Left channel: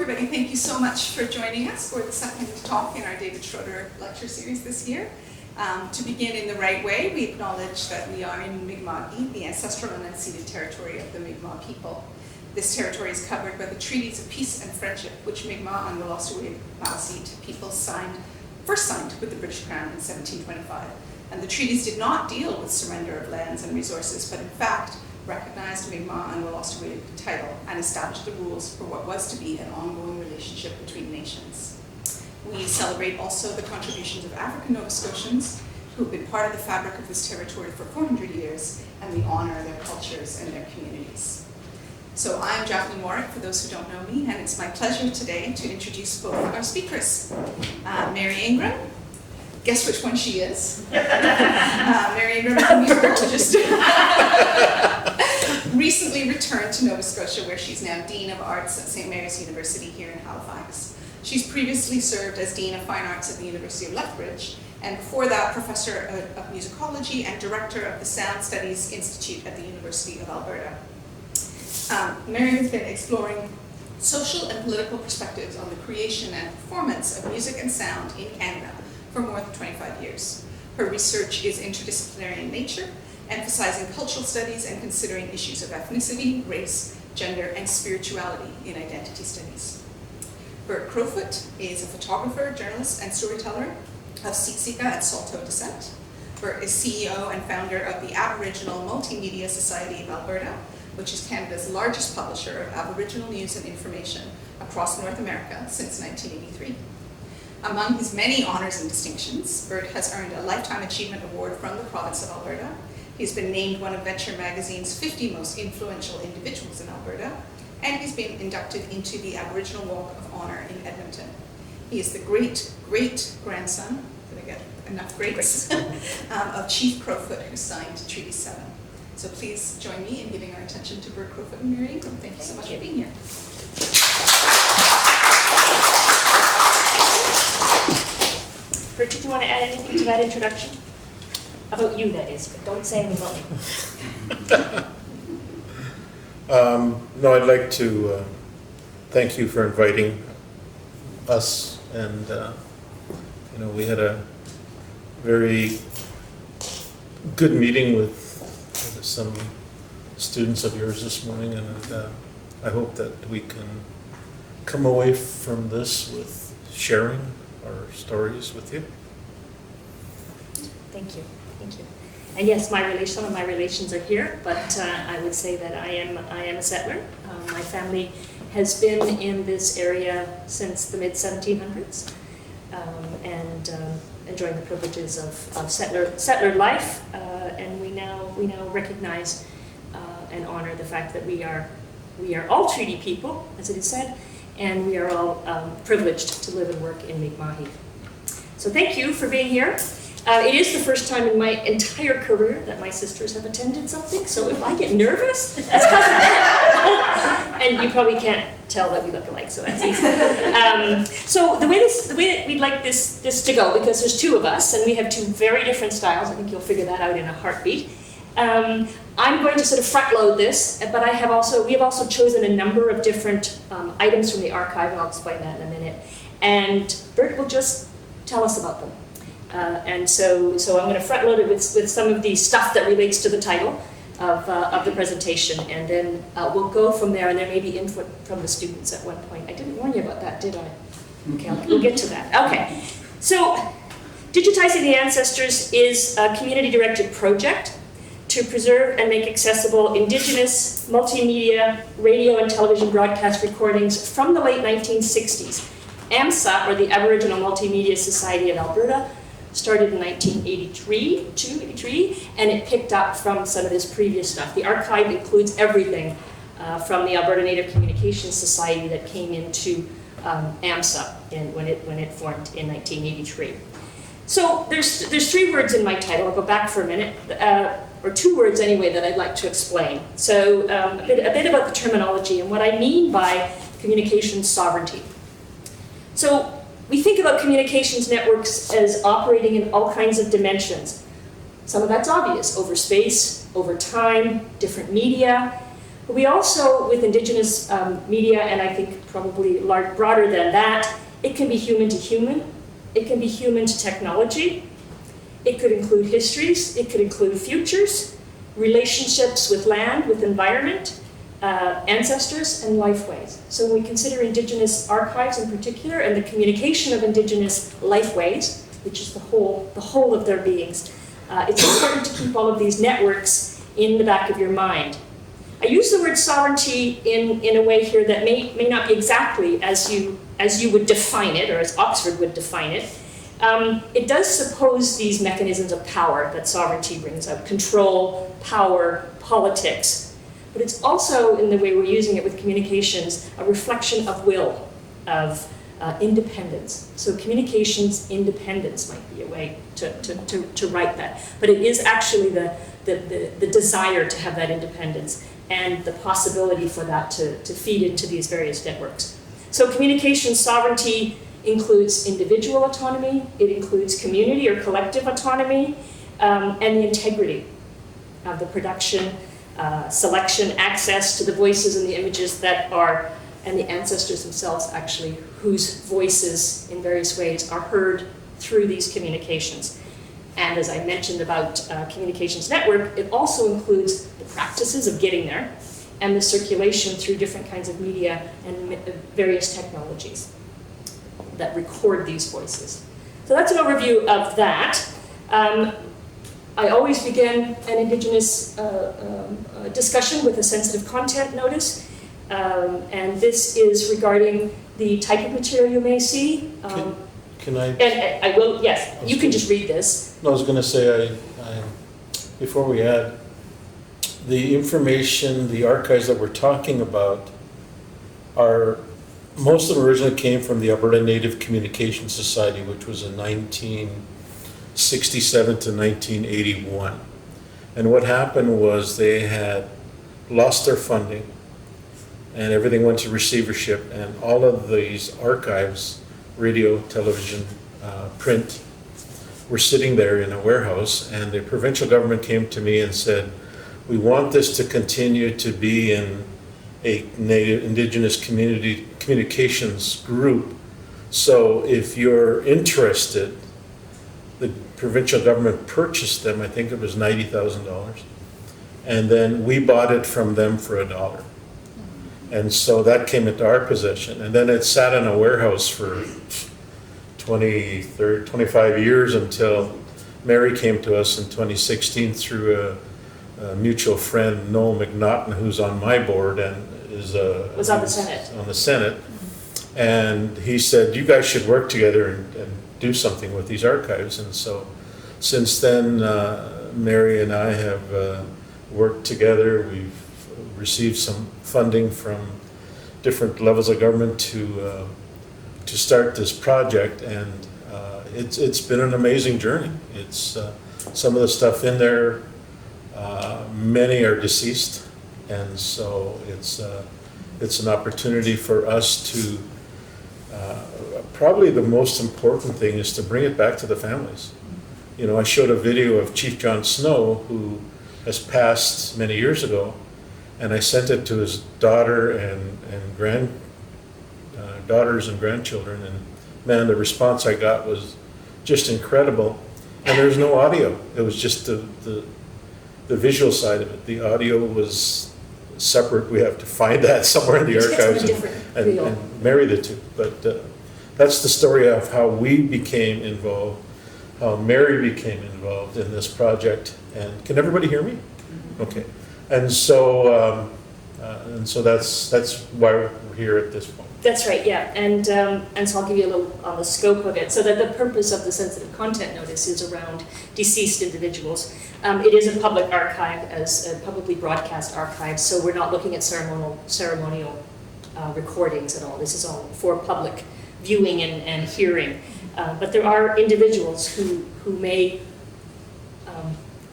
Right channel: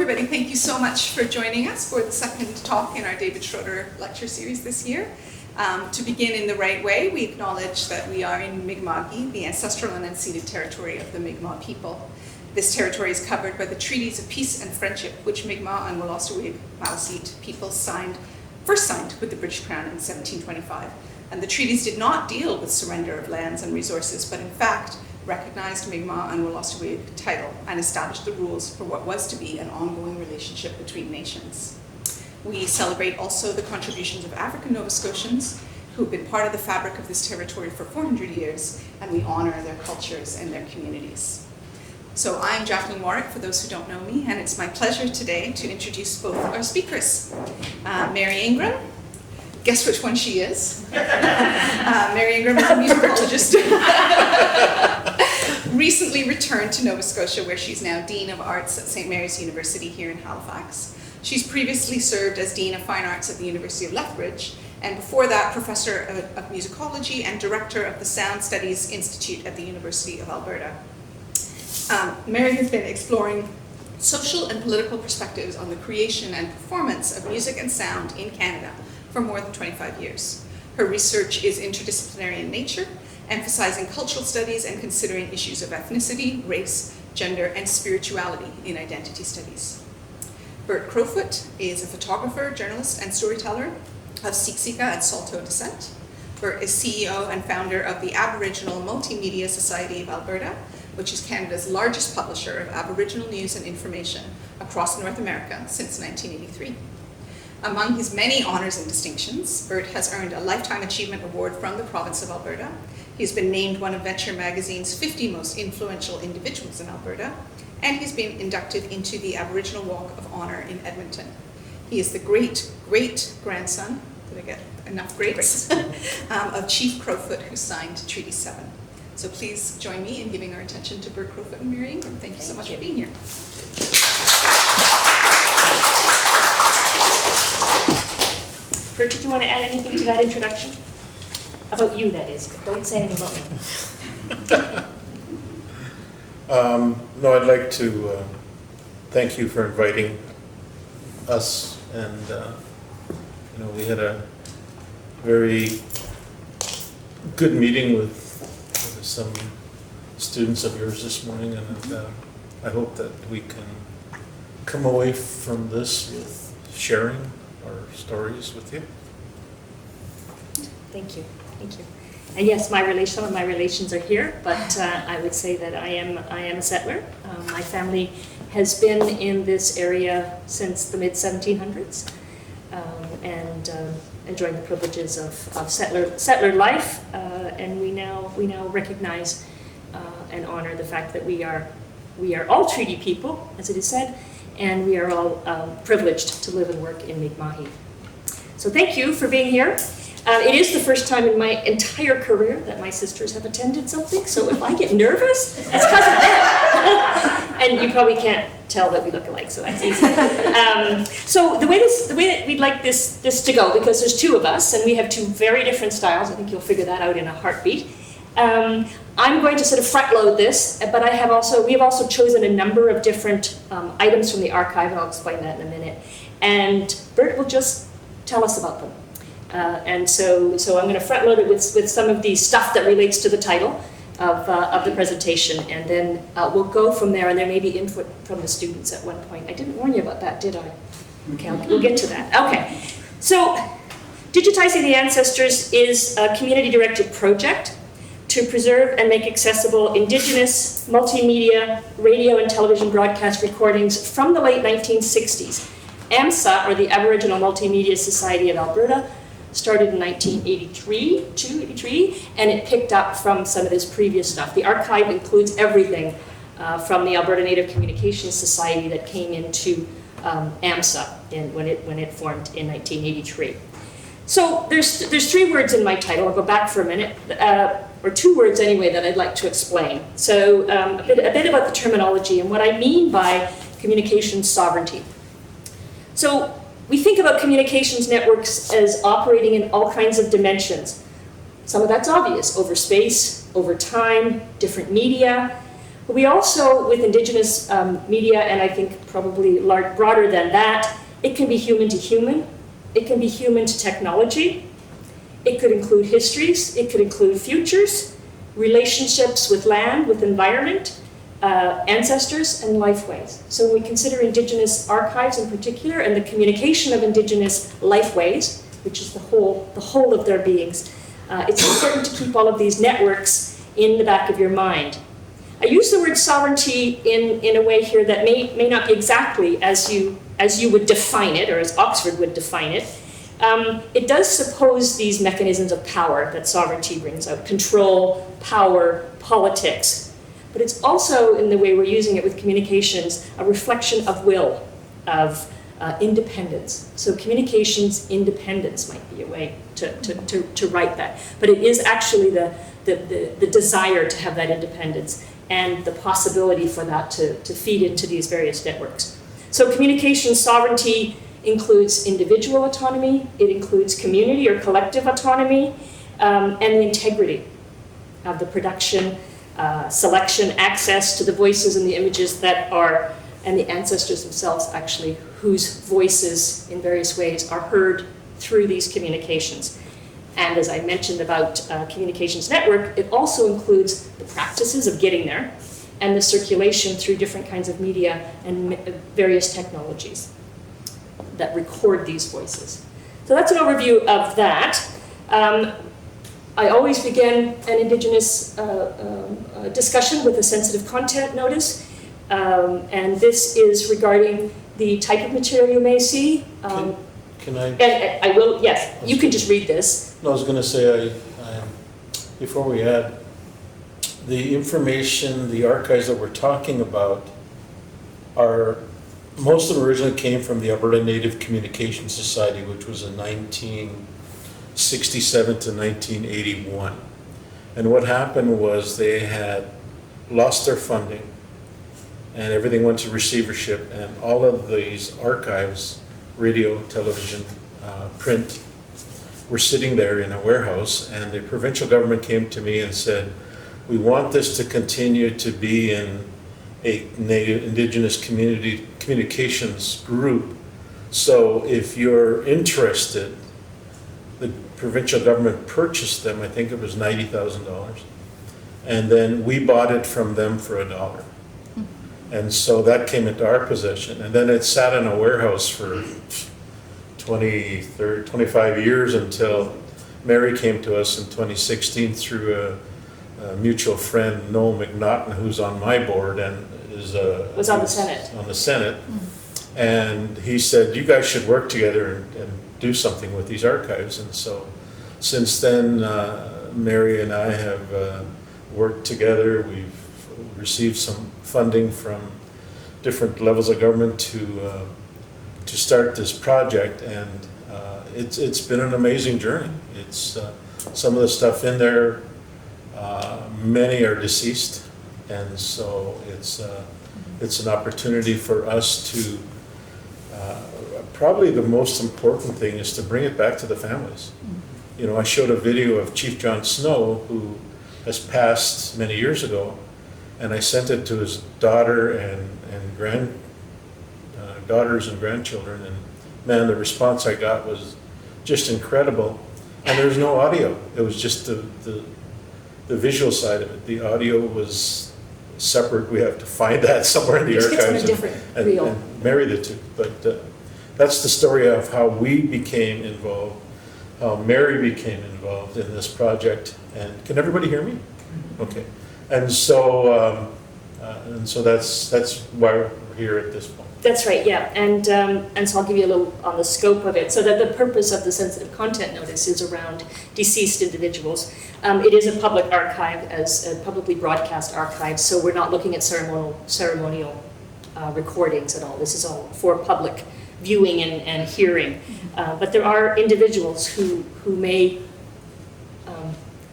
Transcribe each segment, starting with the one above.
everybody, thank you so much for joining us for the second talk in our David Schroeder lecture series this year. To begin in the right way, we acknowledge that we are in Mi'kma'ki, the ancestral and unceded territory of the Mi'kmaq people. This territory is covered by the treaties of peace and friendship, which Mi'kmaq and Wolastoqiyik Maliseet peoples first signed with the British Crown in 1725. And the treaties did not deal with surrender of lands and resources, but in fact, recognized Mi'kmaq and Wolastoqiyik title and established the rules for what was to be an ongoing relationship between nations. We celebrate also the contributions of African Nova Scotians who have been part of the fabric of this territory for 400 years, and we honor their cultures and their communities. So I'm Jacqueline Warwick, for those who don't know me, and it's my pleasure today to introduce both our speakers. Mary Ingraham, guess which one she is? Mary Ingraham is a musicologist. Recently returned to Nova Scotia, where she's now Dean of Arts at St. Mary's University here in Halifax. She's previously served as Dean of Fine Arts at the University of Lethbridge, and before that, Professor of Musicology and Director of the Sound Studies Institute at the University of Alberta. Mary has been exploring social and political perspectives on the creation and performance of music and sound in Canada for more than 25 years. Her research is interdisciplinary in nature, emphasizing cultural studies and considering issues of ethnicity, race, gender, and spirituality in identity studies. Bert Crowfoot is a photographer, journalist, and storyteller of Siksika and Saulteaux descent. Bert is CEO and founder of the Aboriginal Multimedia Society of Alberta, which is Canada's largest publisher of Aboriginal news and information across North America since 1983. Among his many honors and distinctions, Bert has earned a Lifetime Achievement Award from the province of Alberta. He's been named one of Venture Magazine's 50 most influential individuals in Alberta, and he's been inducted into the Aboriginal Walk of Honor in Edmonton. He is the great-great-grandson, did I get enough greats, of Chief Crowfoot, who signed Treaty 7. So please join me in giving our attention to Bert Crowfoot and Mary Ingraham. Thank you so much for being here. Bert, did you want to add anything to that introduction? About you, that is, but don't say anything about me. No, I'd like to thank you for inviting us, and we had a very good meeting with some students of yours this morning, and I hope that we can come away from this with sharing our stories with you. Thank you. Thank you. And yes, some of my relations are here, but I would say that I am a settler. My family has been in this area since the mid-1700s, and enjoying the privileges of settler life. And we now recognize and honor the fact that we are all treaty people, as it is said, and we are all privileged to live and work in Mi'kmaq. So thank you for being here. It is the first time in my entire career that my sisters have attended something, so if I get nervous, that's because of them. And you probably can't tell that we look alike, so that's easy. So the way that we'd like this to go, because there's two of us, and we have two very different styles, I think you'll figure that out in a heartbeat. I'm going to sort of front load this, but we have also chosen a number of different items from the archive, and I'll explain that in a minute. And Bert will just tell us about them. And so I'm going to front load it with some of the stuff that relates to the title of the presentation, and then we'll go from there, and there may be input from the students at one point. I didn't warn you about that, did I? Okay, we'll get to that. Okay, so Digitizing the Ancestors is a community-directed project to preserve and make accessible Indigenous, multimedia, radio and television broadcast recordings from the late 1960s. AMSA, or the Aboriginal Multimedia Society of Alberta, started in 1983, and it picked up from some of this previous stuff. The archive includes everything from the Alberta Native Communications Society that came into AMSA when it formed in 1983. So there's three words in my title. I'll go back for a minute, or two words anyway that I'd like to explain. So a bit about the terminology and what I mean by communications sovereignty. So we think about communications networks as operating in all kinds of dimensions. Some of that's obvious, over space, over time, different media. We also, with Indigenous media, and I think probably broader than that, it can be human to human, it can be human to technology, it could include histories, it could include futures, relationships with land, with environment, ancestors, and lifeways. So when we consider Indigenous archives in particular, and the communication of Indigenous lifeways, which is the whole of their beings, it's important to keep all of these networks in the back of your mind. I use the word sovereignty in a way here that may not be exactly as you would define it, or as Oxford would define it. It does suppose these mechanisms of power that sovereignty brings out: control, power, politics. But it's also, in the way we're using it with communications, a reflection of will, of independence. So communications independence might be a way to write that. But it is actually the desire to have that independence and the possibility for that to feed into these various networks. So communication sovereignty includes individual autonomy, it includes community or collective autonomy, and the integrity of the production, selection, access to the voices and the images that are, and the ancestors themselves actually, whose voices in various ways are heard through these communications. And as I mentioned about communications network, it also includes the practices of getting there and the circulation through different kinds of media and various technologies that record these voices. So that's an overview of that. I always begin an Indigenous discussion with a sensitive content notice, and this is regarding the type of material you may see. Can I? And I will, yes, you can just read this. No, I was going to say, before we add, the information, the archives that we're talking about most of them originally came from the Alberta Native Communication Society, which was in 1967 to 1981. And what happened was they had lost their funding and everything went to receivership, and all of these archives, radio, television, print, were sitting there in a warehouse, and the provincial government came to me and said, we want this to continue to be in a Native Indigenous communications group. So if you're interested, the provincial government purchased them, I think it was $90,000. And then we bought it from them for $1. And so that came into our possession. And then it sat in a warehouse for 25 years until Mary came to us in 2016 through a mutual friend, Noel McNaughton, who's on my board and was on the Senate. On the Senate. Mm-hmm. And he said, you guys should work together and do something with these archives. And so since then, Mary and I have worked together. We've received some funding from different levels of government to start this project, and it's been an amazing journey. It's some of the stuff in there, many are deceased, and so it's an opportunity for us to probably the most important thing is to bring it back to the families. You know, I showed a video of Chief John Snow, who has passed many years ago, and I sent it to his daughter and daughters and grandchildren, and man, the response I got was just incredible. And there's no audio. It was just the visual side of it. The audio was separate. We have to find that somewhere in the archives and marry the two. But that's the story of how we became involved, how Mary became involved in this project. And can everybody hear me? Okay. And so that's why we're here at this point. That's right, yeah, and so I'll give you a little on the scope of it. So that the purpose of the sensitive content notice is around deceased individuals. It is a public archive, as a publicly broadcast archive, so we're not looking at ceremonial recordings at all. This is all for public viewing and hearing. But there are individuals who may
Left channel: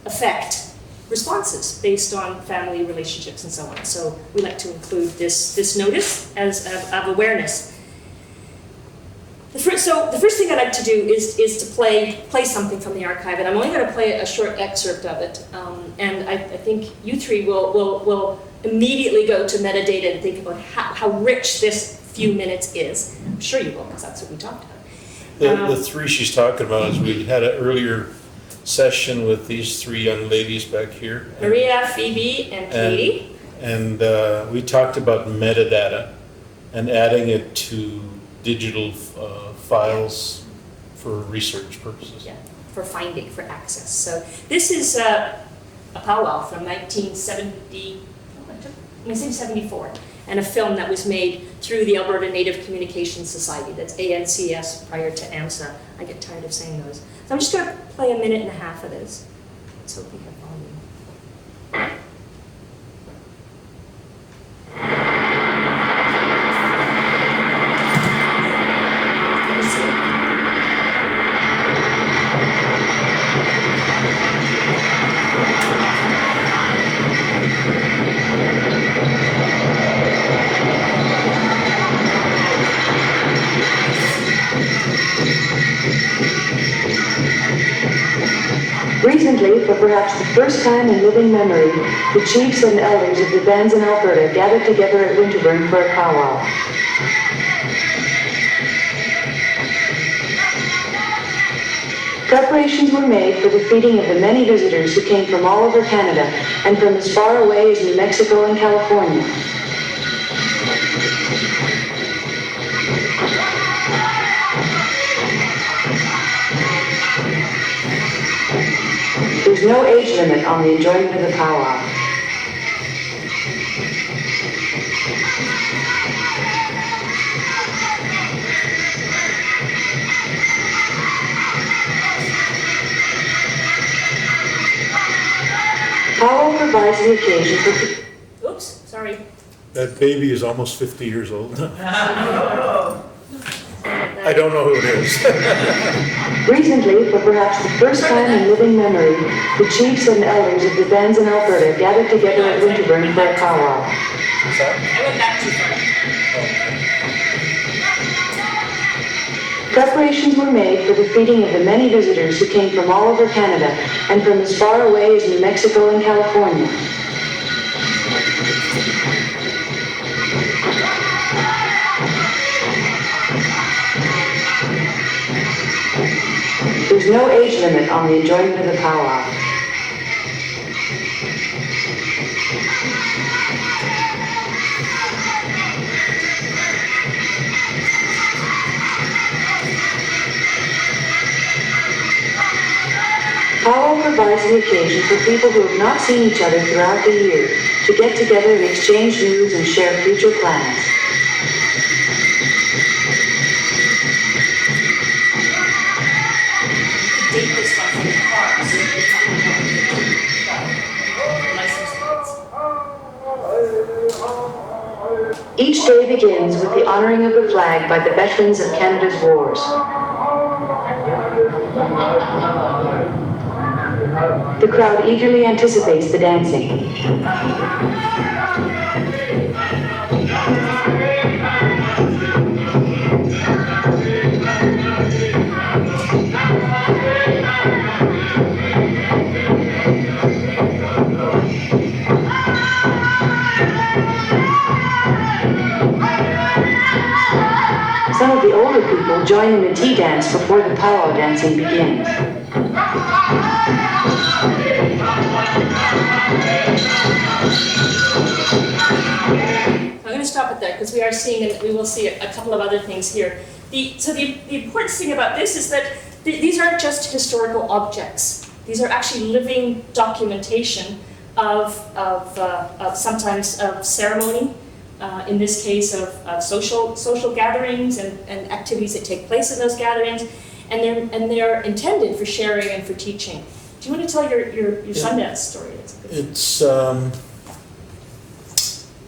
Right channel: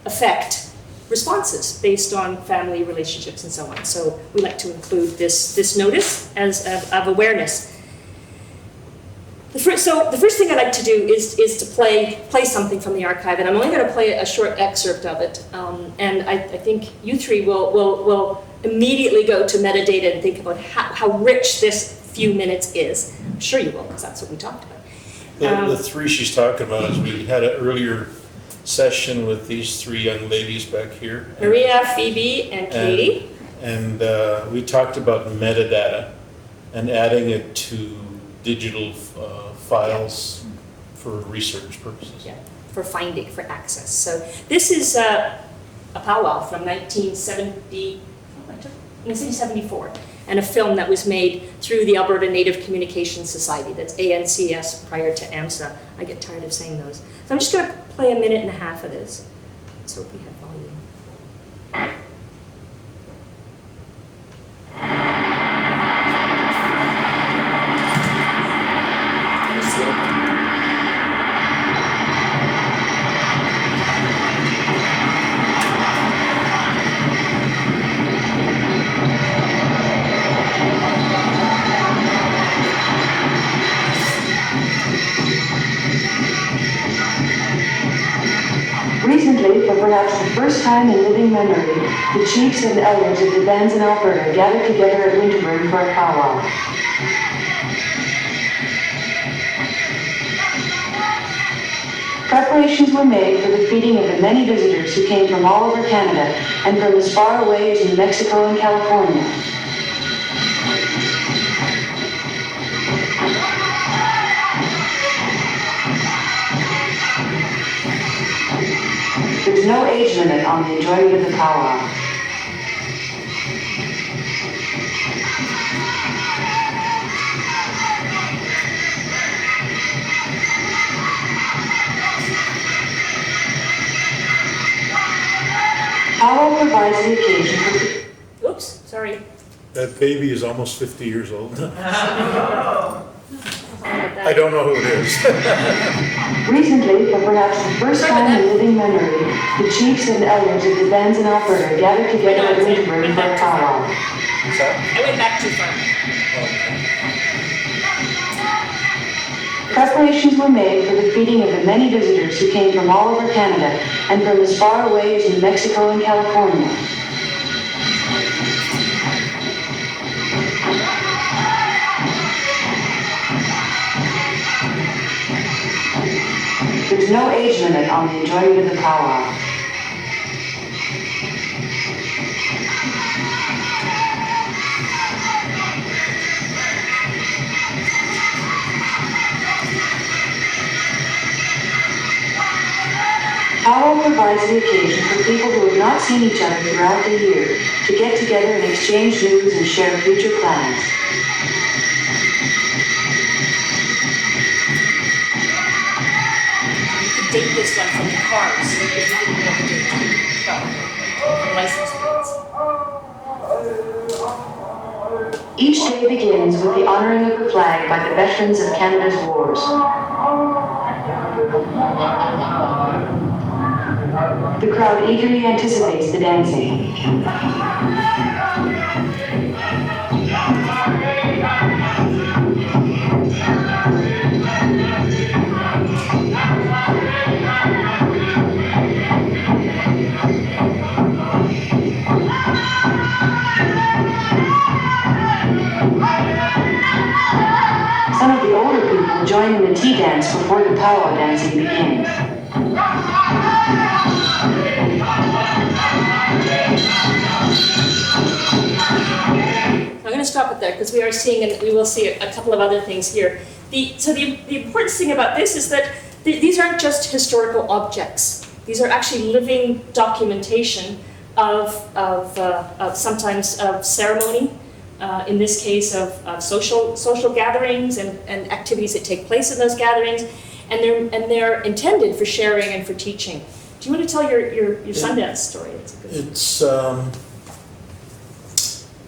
affect responses based on family relationships and so on. So we like to include this notice as of awareness. The first thing I'd like to do is to play something from the archive, and I'm only going to play a short excerpt of it. And I think you three will immediately go to metadata and think about how rich this few minutes is. I'm sure you will, because that's what we talked about. The three she's talking about is we had an earlier session with these three young ladies back here. Maria, Phoebe, and Katie. And we talked about metadata and adding it to digital files for research purposes. Yeah, for finding, for access. So this is a powwow from 1974, and a film that was made through the Alberta Native Communications Society. That's ANCS prior to AMSA. I get tired of saying those. So I'm just going to play a minute and a half of this. Let's hope we have volume. Recently, for perhaps the first time in living memory, the chiefs and elders of the bands in Alberta gathered together at Winterburn for a powwow. Preparations were made for the feeding of the many visitors who came from all over Canada and from as far away as New Mexico and California. There's no age limit on the enjoyment of the powwow. Powwow provides the occasion for... Oops, sorry. That baby is almost 50 years old. I don't know who it is. Recently, for perhaps the first time in living memory, the chiefs and elders of the bands in Alberta gathered together at Winterburn for a powwow. What's that? I went back too far. Preparations were made for the feeding of the many visitors who came from all over Canada and from as far away as New Mexico and California. There's no age limit on the enjoyment of the powwow. Powwow provides the occasion for people who have not seen each other throughout the year to get together and exchange news and share future plans. Date this one from the car, so you can license plates. Each day begins with the honoring of the flag by the veterans of Canada's wars. The crowd eagerly anticipates the dancing. Some of the older people join in the tea dance before the powwow dancing begins. I'm going to stop it there because we are seeing, and we will see a couple of other things here. The important thing about this is that these aren't just historical objects. These are actually living documentation of sometimes of ceremony, in this case of social gatherings and activities that take place in those gatherings, and they're intended for sharing and for teaching. Do you want to tell your Sundance story?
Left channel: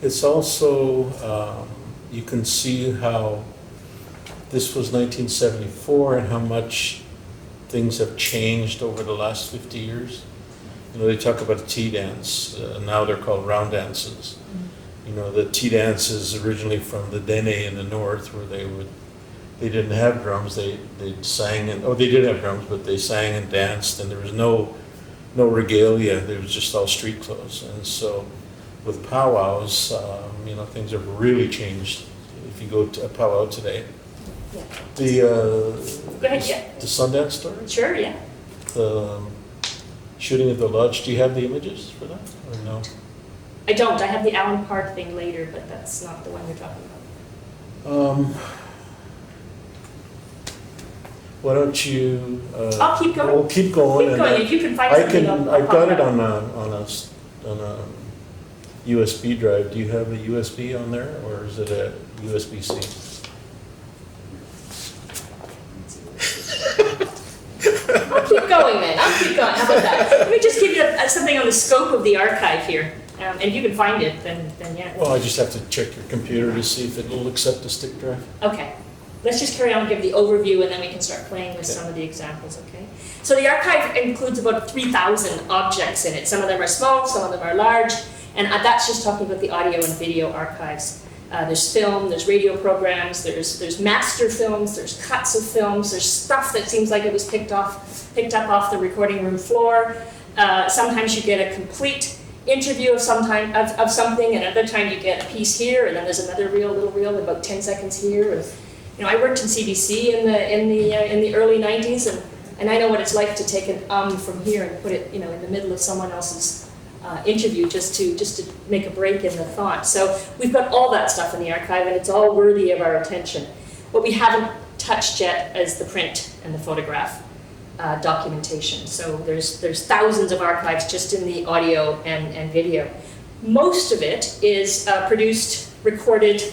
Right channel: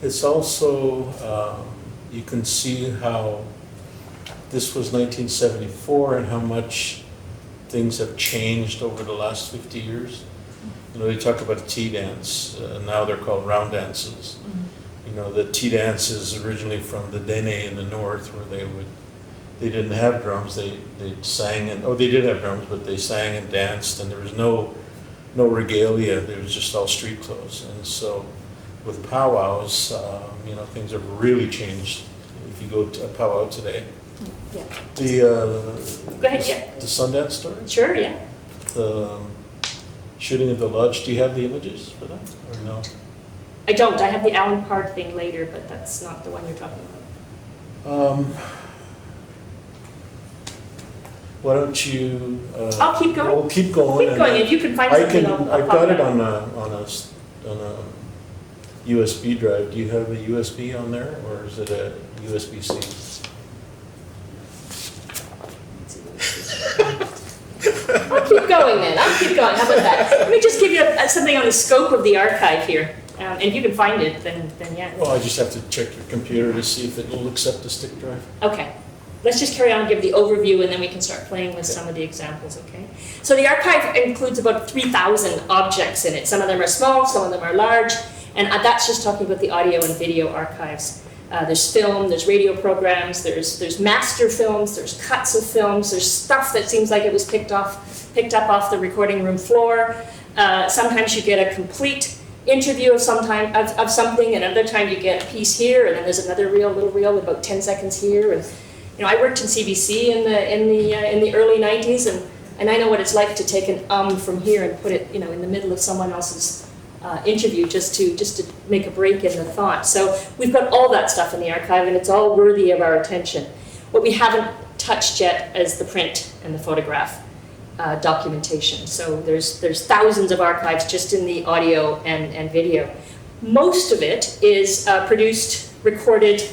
It's also, you can see how this was 1974 and how much things have changed over the last 50 years. You know, they talk about a tea dance, now they're called round dances. You know, the tea dance is originally from the Dene in the north, where they didn't have drums, they sang, and they did have drums, but they sang and danced, and there was no regalia, there was just all street clothes. And so with powwows, things have really changed if you go to a powwow today. Yeah. The, Go ahead, yeah. the Sundance story, Sure, yeah. the shooting of the lodge, do you have the images for that, or no? I don't. I have the Alan Park thing later, but that's not the one you're talking about. Why don't you? I'll keep going. We'll keep going. Keep going. If you can find I something, can. I'll I've got it pop on a USB drive. Do you have a USB on there, or is it a USB-C? I'll keep going then. I'll keep going. How about that? Let me just give you something on the scope of the archive here. And if you can find it, then yeah. Well, I just have to check your computer to see if it will accept the stick drive. Okay. Let's just carry on and give the overview, and then we can start playing with some of the examples, okay? So the archive includes about 3,000 objects in it. Some of them are small, some of them are large, and that's just talking about the audio and video archives. There's film, there's radio programs, there's master films, there's cuts of films, there's stuff that seems like it was picked up off the recording room floor. Sometimes you get a complete interview of something, and another time you get a piece here, and then there's another little reel with about 10 seconds here. And I worked in CBC in the early 90s, and I know what it's like to take an from here and put it in the middle of someone else's interview just to make a break in the thought. So we've got all that stuff in the archive, and it's all worthy of our attention. What we haven't touched yet is the print and the photograph documentation. So there's thousands of archives just in the audio and video. Most of it is produced, recorded,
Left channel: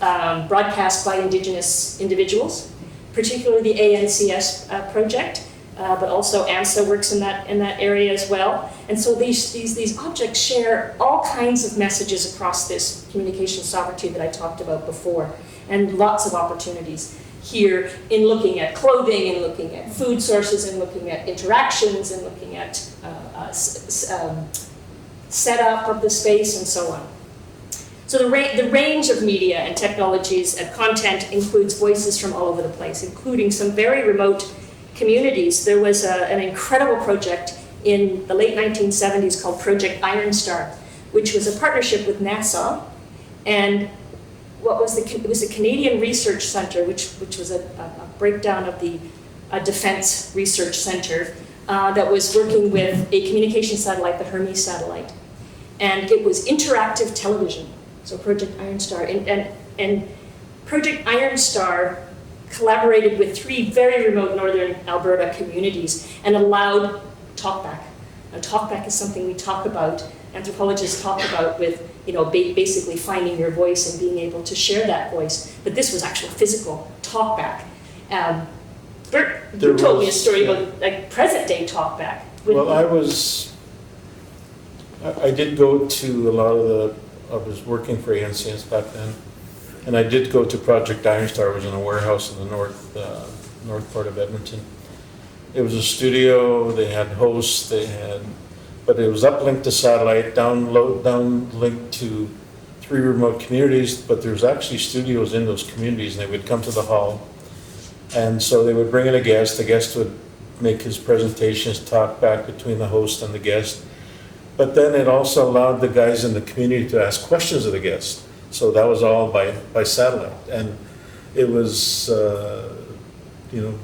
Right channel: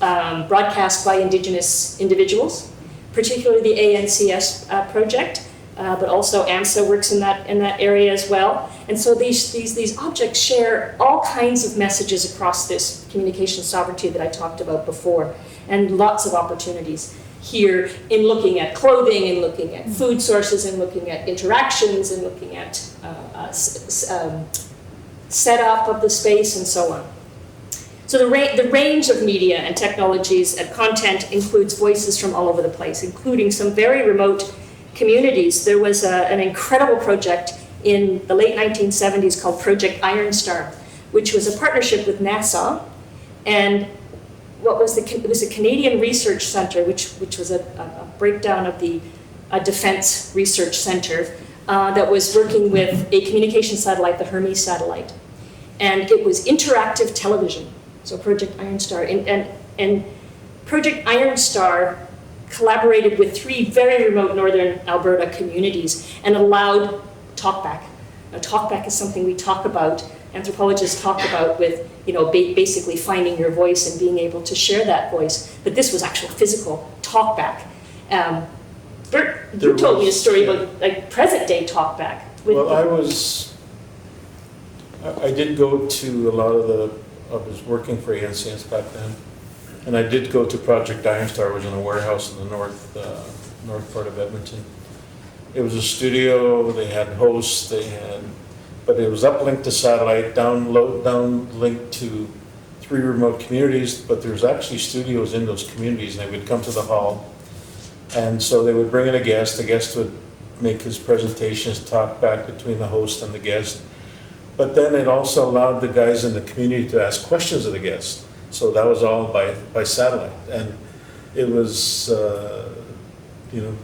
broadcast by Indigenous individuals, particularly the ANCS project, but also AMSA works in that area as well. And so these objects share all kinds of messages across this communication sovereignty that I talked about before, and lots of opportunities here in looking at clothing, and looking at food sources, and looking at interactions, and looking at setup of the space, and so on. So the range of media and technologies and content includes voices from all over the place, including some very remote communities. There was an incredible project in the late 1970s called Project Iron Star, which was a partnership with NASA, and it was a Canadian Research Centre, which was a breakdown of the Defence Research Centre that was working with a communication satellite, the Hermes satellite, and it was interactive television. So Project Iron Star, and Project Iron Star collaborated with 3 very remote northern Alberta communities and allowed talkback. Now, talkback is something we talk about, anthropologists talk about with, basically finding your voice and being able to share that voice. But this was actual physical talkback. Bert, you told me a story about present day talkback. Well, I did go to a lot of I was working for ANCS back then, and I did go to Project Iron Star. I was in a warehouse in the north part of Edmonton. It was a studio, they had hosts, but it was uplinked to satellite, downlinked to 3 remote communities, but there was actually studios in those communities, and they would come to the hall. And so they would bring in a guest. The guest would make his presentations, talk back between the host and the guest. But then it also allowed the guys in the community to ask questions of the guest. So that was all by satellite. And it was,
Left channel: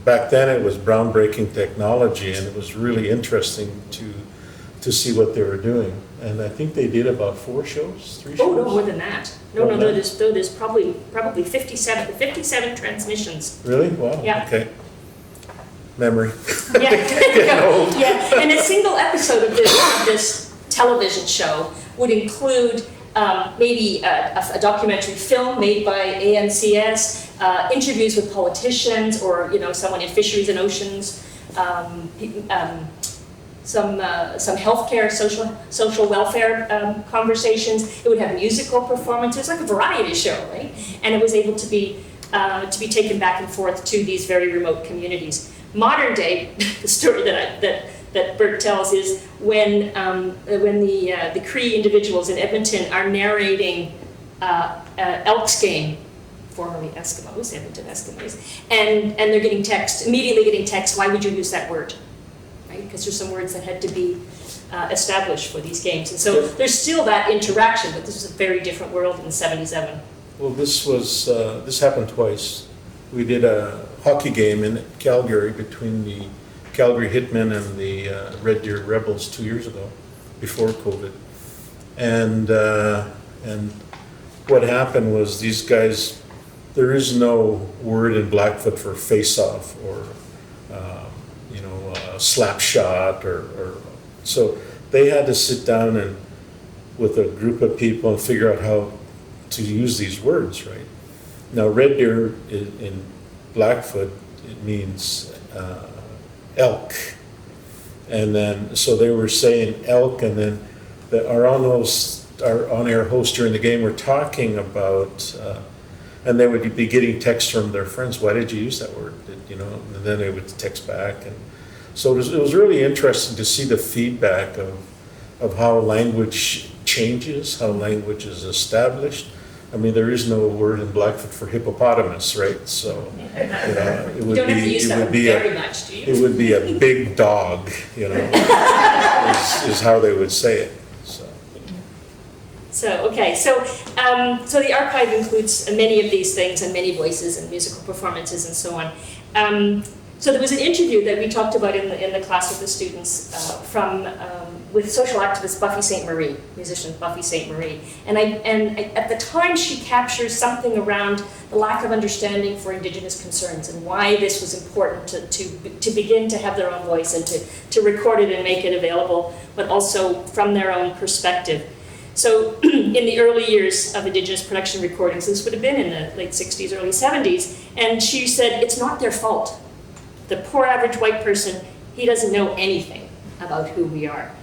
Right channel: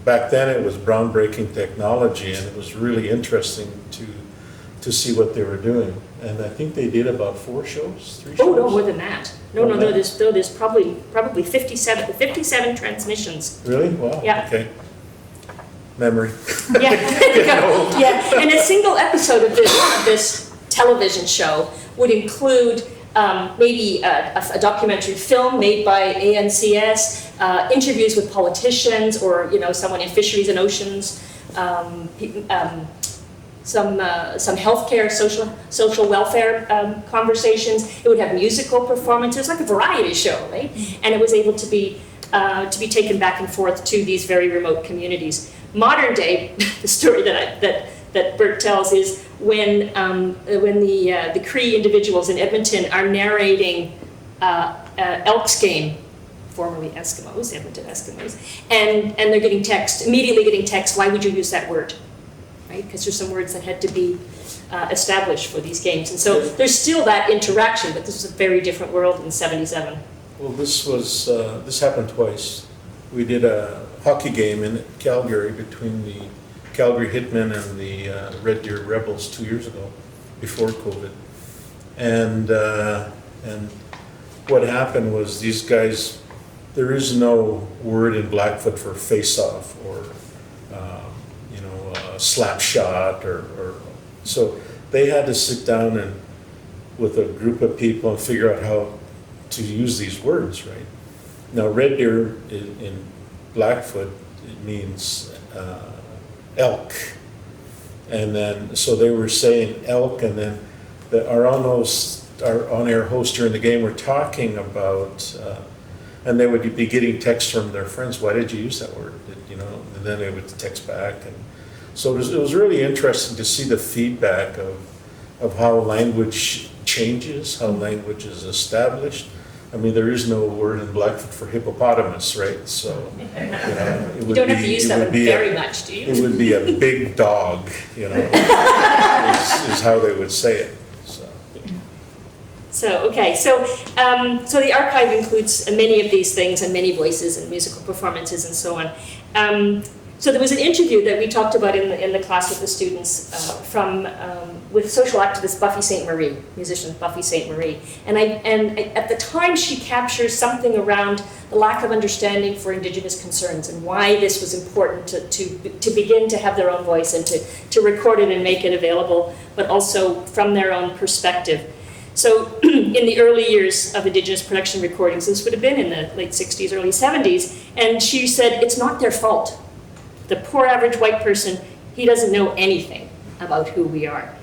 back then it was groundbreaking technology, and it was really interesting to see what they were doing. And I think they did about 4 shows, 3 shows? Oh, no, more than that. No, there's probably 57 transmissions. Really? Wow. Yeah. Okay. Memory. Yeah, there you go. Yeah, and a single episode of this television show would include maybe a documentary film made by ANCS, interviews with politicians, or someone in fisheries and oceans, some healthcare, social welfare conversations. It would have musical performances, like a variety show, right? And it was able to be taken back and forth to these very remote communities. Modern day, the story that Bert tells is when the Cree individuals in Edmonton are narrating Elks game, formerly Eskimos, Edmonton Eskimos, and they're immediately getting text, why would you use that word? Right? Because there's some words that had to be established for these games. And so there's still that interaction, but this is a very different world in '77. Well, this happened twice. We did a hockey game in Calgary between the Calgary Hitmen and the Red Deer Rebels 2 years ago, before COVID. And what happened was these guys, there is no word in Blackfoot for face-off or slap shot or so they had to sit down and with a group of people and figure out how to use these words, right? Now, Red Deer in Blackfoot, it means elk. And then, so they were saying elk, and then our on-air host during the game were talking about, and they would be getting texts from their friends, why did you use that word? And then they would text back. And so it was really interesting to see the feedback of how language changes, how language is established. I mean, there is no word in Blackfoot for hippopotamus, right? So, it would you don't have to use that one very much, do you? It would be a big dog, is how they would say it. So the archive includes many of these things and many voices and musical performances and so on. So there was an interview that we talked about in the class with the students with social activist Buffy St. Marie, musician Buffy St. Marie. And at the time she captures something around the lack of understanding for Indigenous concerns and why this was important to begin to have their own voice and to record it and make it available, but also from their own perspective. So in the early years of Indigenous production recordings, this would have been in the late 60s, early 70s, and she said, it's not their fault. The poor average white person, he doesn't know anything about who we are.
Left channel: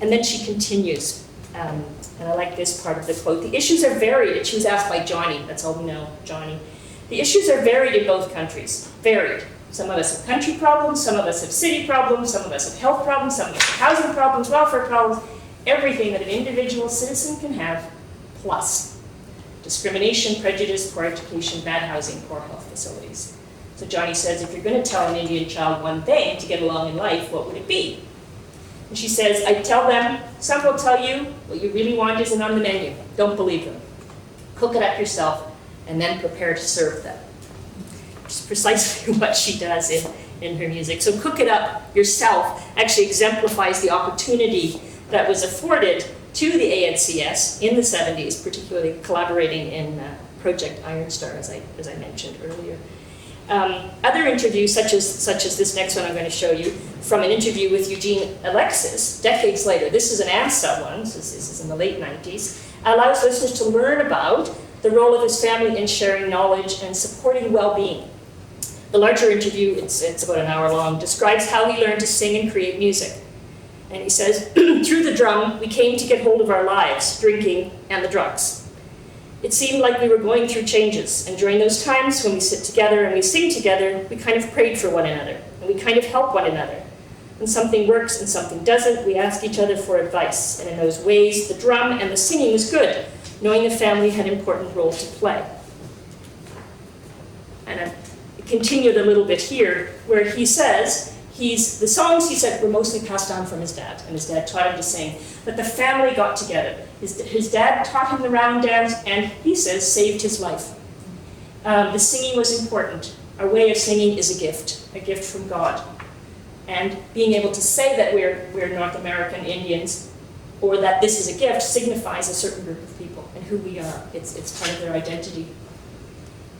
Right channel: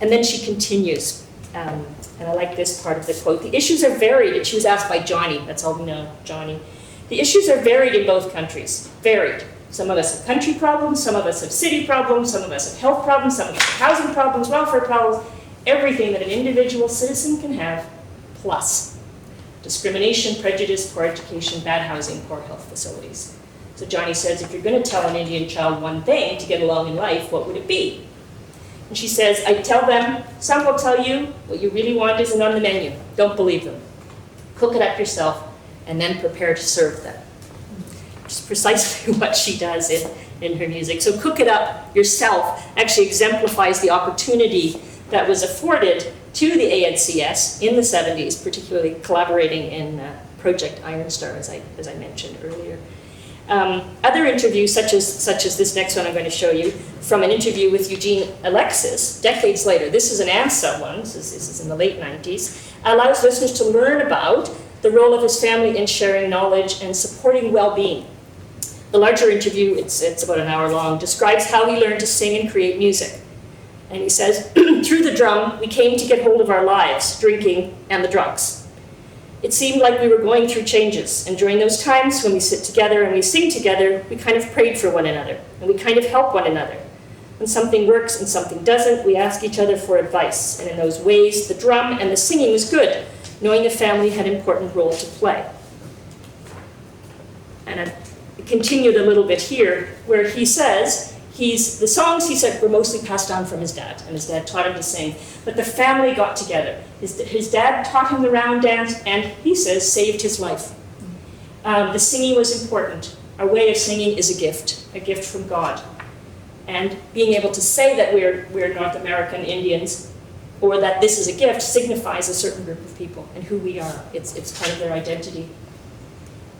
And then she continues, and I like this part of the quote, the issues are varied, and she was asked by Johnny, that's all we know, Johnny. The issues are varied in both countries, varied. Some of us have country problems, some of us have city problems, some of us have health problems, some of us have housing problems, welfare problems, everything that an individual citizen can have, plus discrimination, prejudice, poor education, bad housing, poor health facilities. So Johnny says, if you're going to tell an Indian child one thing to get along in life, what would it be? And she says, I tell them, some will tell you what you really want isn't on the menu. Don't believe them. Cook it up yourself, and then prepare to serve them. Which is precisely what she does in her music. So cook it up yourself actually exemplifies the opportunity that was afforded to the ANCS in the 70s, particularly collaborating in Project Iron Star, as I mentioned earlier. Other interviews, such as this next one I'm going to show you, from an interview with Eugene Alexis, decades later, this is an ANSA one, this is in the late 90s, allows listeners to learn about the role of his family in sharing knowledge and supporting well-being. The larger interview, it's about an hour long, describes how he learned to sing and create music. And he says, through the drum, we came to get hold of our lives, drinking, and the drugs. It seemed like we were going through changes, and during those times when we sit together and we sing together, we kind of prayed for one another, and we kind of help one another. When something works and something doesn't, we ask each other for advice, and in those ways, the drum and the singing was good, knowing the family had an important role to play. And I continued a little bit here, where he says, the songs, he said, were mostly passed down from his dad, and his dad taught him to sing. But the family got together. His dad taught him the round dance, and he says, saved his life. The singing was important. Our way of singing is a gift from God. And being able to say that we're North American Indians, or that this is a gift, signifies a certain group of people and who we are. It's part of their identity.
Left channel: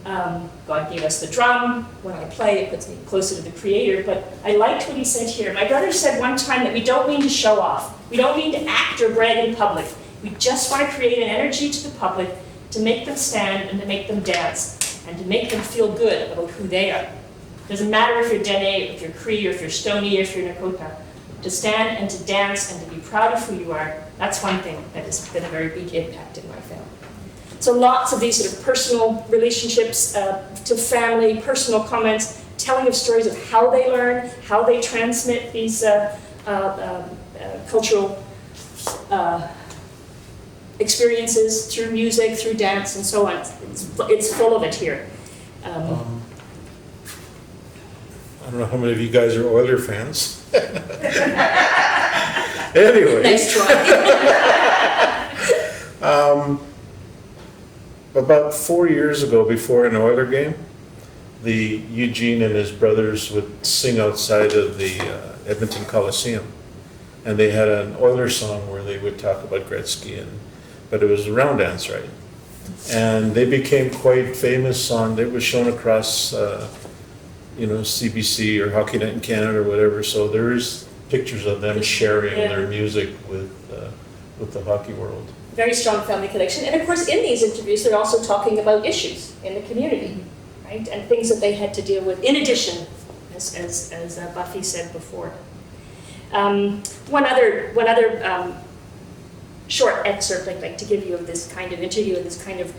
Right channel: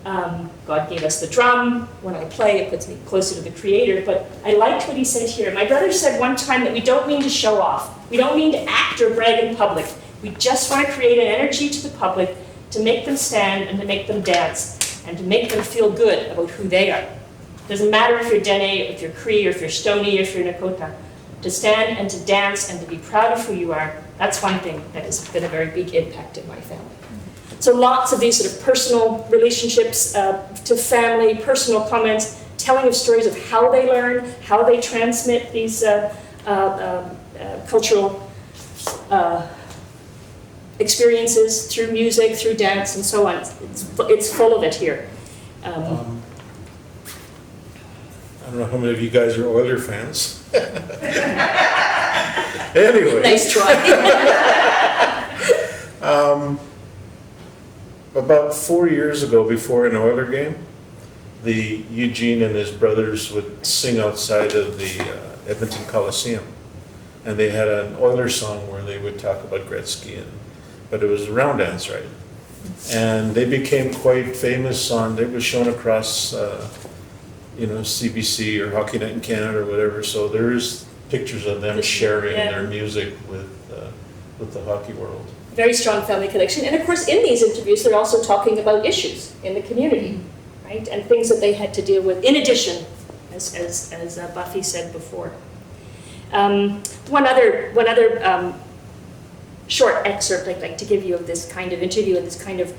God gave us the drum. When I play, it puts me closer to the Creator. But I liked what he said here. My brother said one time that we don't mean to show off. We don't mean to act or brag in public. We just want to create an energy to the public to make them stand and to make them dance and to make them feel good about who they are. It doesn't matter if you're Dene, if you're Cree, or if you're Stoney, or if you're Nakota. To stand and to dance and to be proud of who you are, that's one thing that has been a very big impact in my family. So lots of these sort of personal relationships to family, personal comments, telling of stories of how they learn, how they transmit these cultural experiences through music, through dance, and so on. It's full of it here. I don't know how many of you guys are Oiler fans. Anyway. Nice try. About 4 years ago, before an Oiler game, the Eugene and his brothers would sing outside of the Edmonton Coliseum. And they had an Oilers song where they would talk about Gretzky, but it was a round dance, right? And they became quite famous they was shown across, CBC or Hockey Night in Canada or whatever. So there's pictures of them sharing their music with the hockey world. Very strong family connection. And of course, in these interviews, they're also talking about issues in the community, right? And things that they had to deal with, in addition, as Buffy said before. One other short excerpt I'd like to give you of this kind of interview and this kind of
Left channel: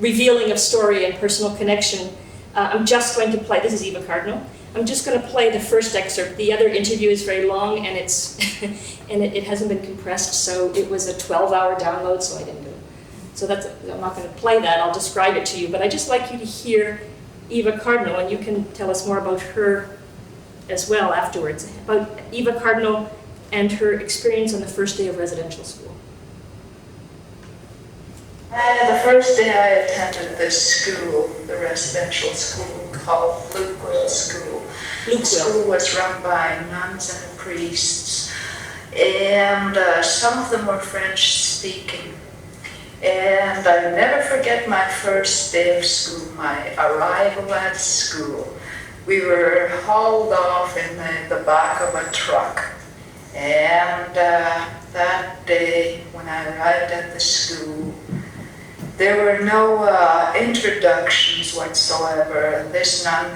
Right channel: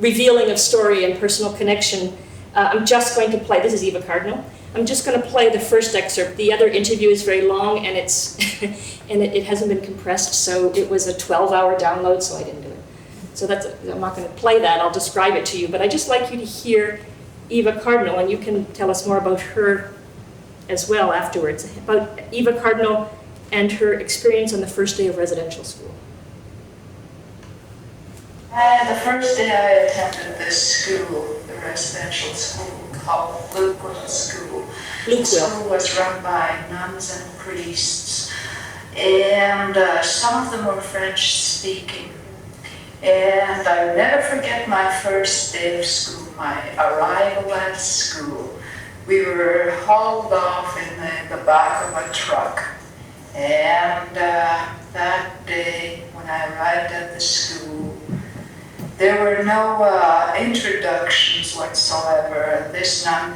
revealing of story and personal connection. I'm just going to play, this is Eva Cardinal. I'm just going to play the first excerpt. The other interview is very long and it hasn't been compressed, so it was a 12-hour download, so I didn't do it. So I'm not going to play that, I'll describe it to you, but I'd just like you to hear Eva Cardinal, and you can tell us more about her as well afterwards, about Eva Cardinal and her experience on the first day of residential school. The first day I attended this school, the residential school called Lukewill School. The school was run by nuns and priests, and some of them were French speaking. And I'll never forget my first day of school, my arrival at school. We were hauled off in the back of a truck. And that day, when I arrived at the school, there were no introductions whatsoever. This nun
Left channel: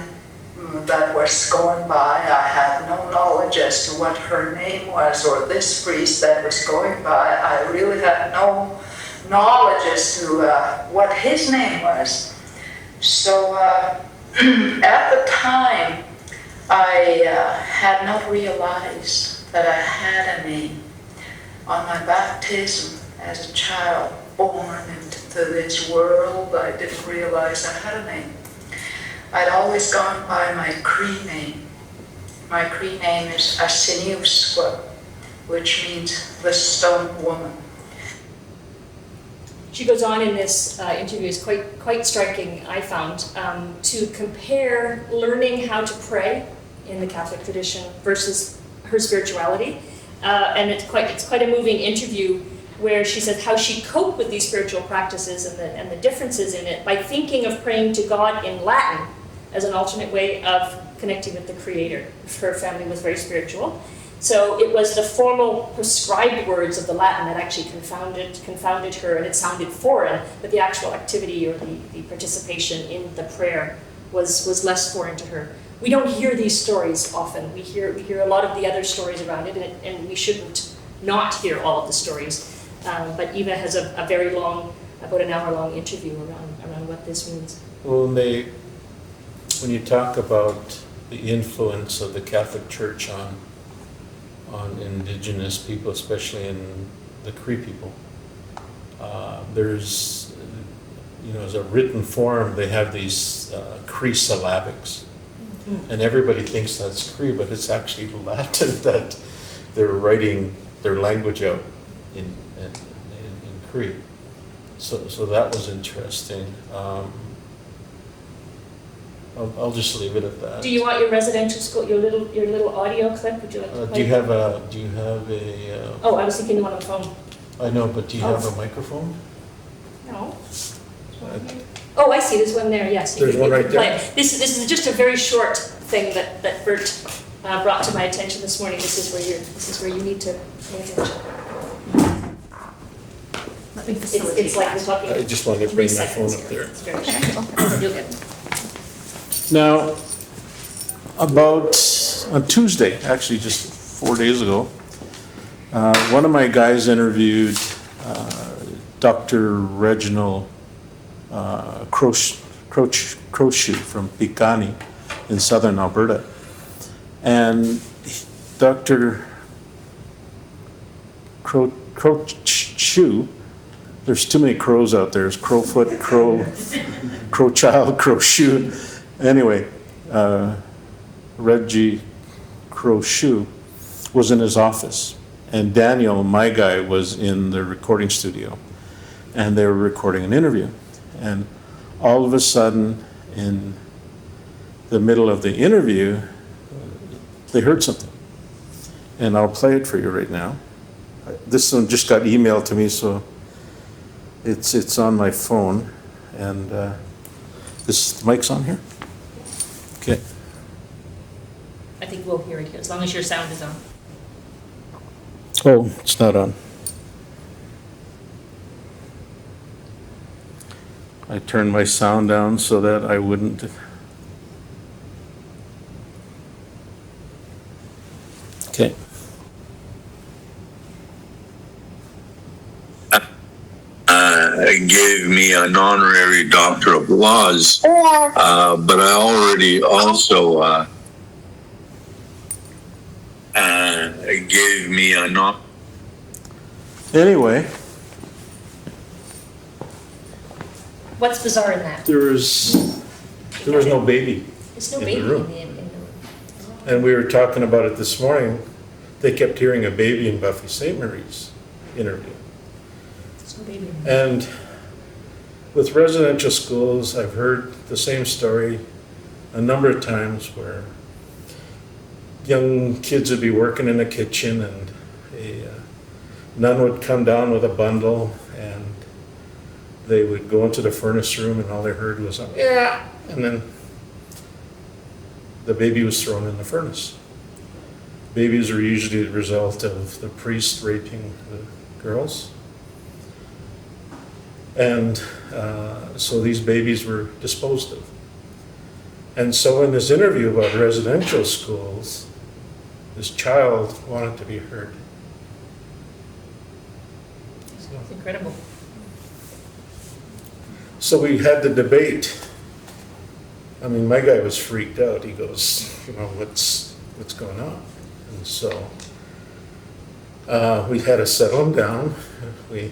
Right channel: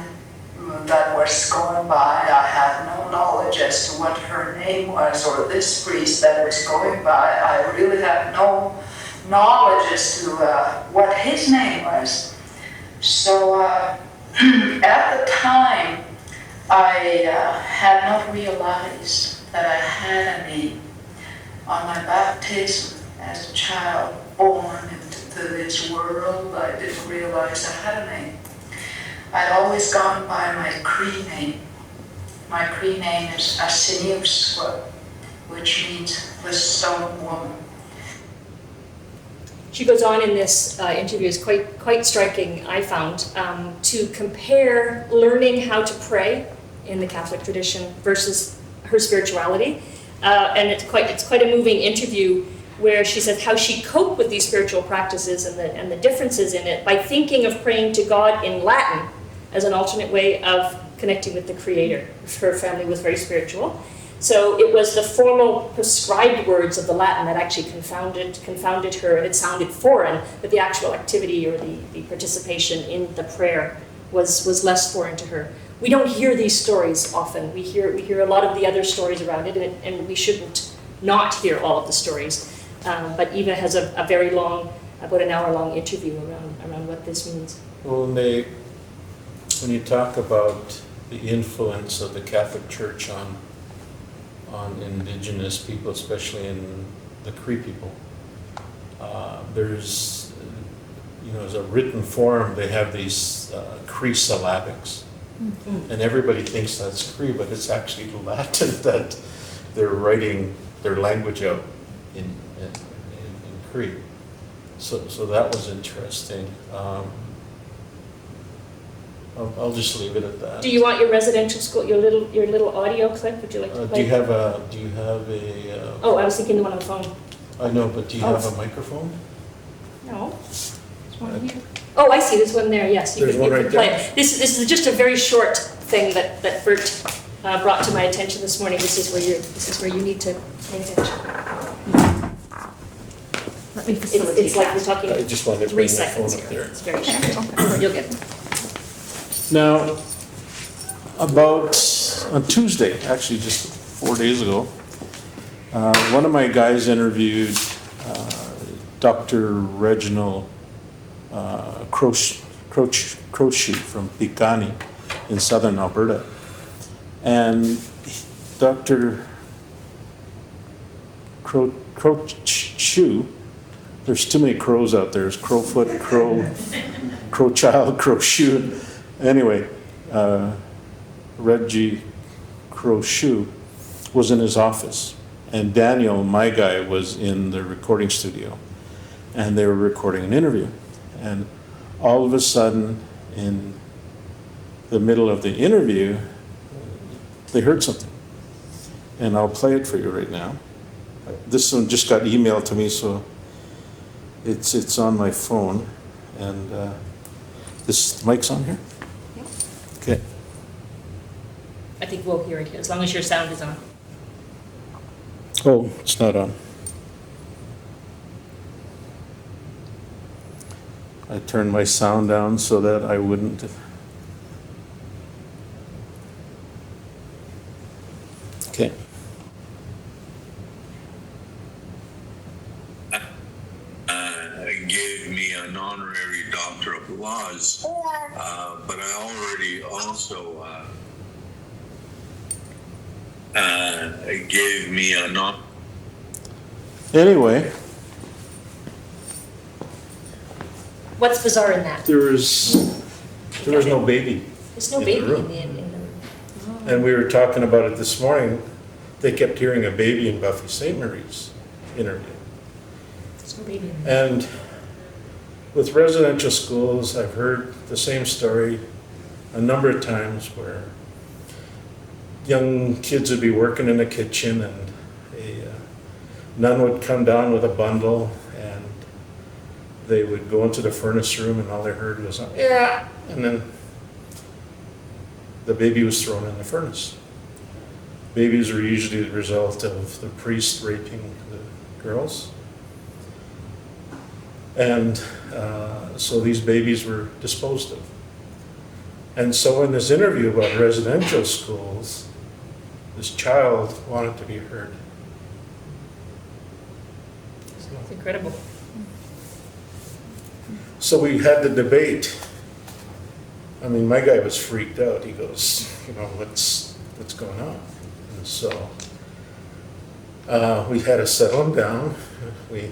that was going by, I had no knowledge as to what her name was, or this priest that was going by, I really had no knowledge as to what his name was. So at the time, I had not realized that I had a name. On my baptism as a child, born into this world, I didn't realize I had a name. I'd always gone by my Cree name. My Cree name is Asiniuskwa, which means the stone woman. She goes on in this interview, is quite striking, I found, to compare learning how to pray in the Catholic tradition versus her spirituality. And it's quite a moving interview where she says how she coped with these spiritual practices and the differences in it by thinking of praying to God in Latin as an alternate way of connecting with the Creator. Her family was very spiritual. So it was the formal prescribed words of the Latin that actually confounded her, and it sounded foreign, but the actual activity or the participation in the prayer was less foreign to her. We don't hear these stories often. We hear a lot of the other stories around it, and we shouldn't not hear all of the stories. But Eva has a very long, about an hour-long interview around what this means. Well, when you talk about the influence of the Catholic Church on Indigenous people, especially in the Cree people, there's, as a written form, they have these Cree syllabics. Mm-hmm. And everybody thinks that's Cree, but it's actually Latin that they're writing their language out in Cree. So that was interesting. I'll just leave it at that. Do you want your residential school, your little audio clip? Would you like to play? Do you have a? Oh, I was thinking the one on the phone. I know, but do you have a microphone? No. There's one here. Oh, I see. There's one there. Yes. There's one right there. This is just a very short thing that Bert brought to my attention this morning. This is where you need to pay attention. It's like we're talking. I just wanted to bring my phone up here. there. It's very short. You'll get it. Now, on Tuesday, actually just 4 days ago, one of my guys interviewed Dr. Reginald Crowfoot from Picani in southern Alberta. And Dr. Crowfoot, there's too many crows out there. There's Crowfoot, Crowchild, Crowfoot. Anyway, Reggie Crowfoot was in his office, And Daniel, my guy, was in the recording studio, and they were recording an interview. And all of a sudden, in the middle of the interview, they heard something. And I'll play it for you right now. This one just got emailed to me, so it's on my phone. And this mic's on here? Okay. I think we'll hear it here, as long as your sound is on. Oh, it's not on. I turned my sound down so that I wouldn't. Okay. Gave me an honorary Doctor of Laws, but I already also gave me a Anyway, What's bizarre in that? there was no baby. There's no in the baby room. in the And we were talking about it this morning. They kept hearing a baby in Buffy St. Mary's interview. there's no baby in the And with residential schools, I've heard the same story a number of times where young kids would be working in the kitchen and a nun would come down with a bundle and they would go into the furnace room and all they heard was, yeah, and then the baby was thrown in the furnace. Babies are usually the result of the priest raping the girls. And so these babies were disposed of. And so in this interview about residential schools, this child wanted to be heard. It's incredible. So we had the debate. I mean, my guy was freaked out. He goes, what's going on? And so we had to settle him down. We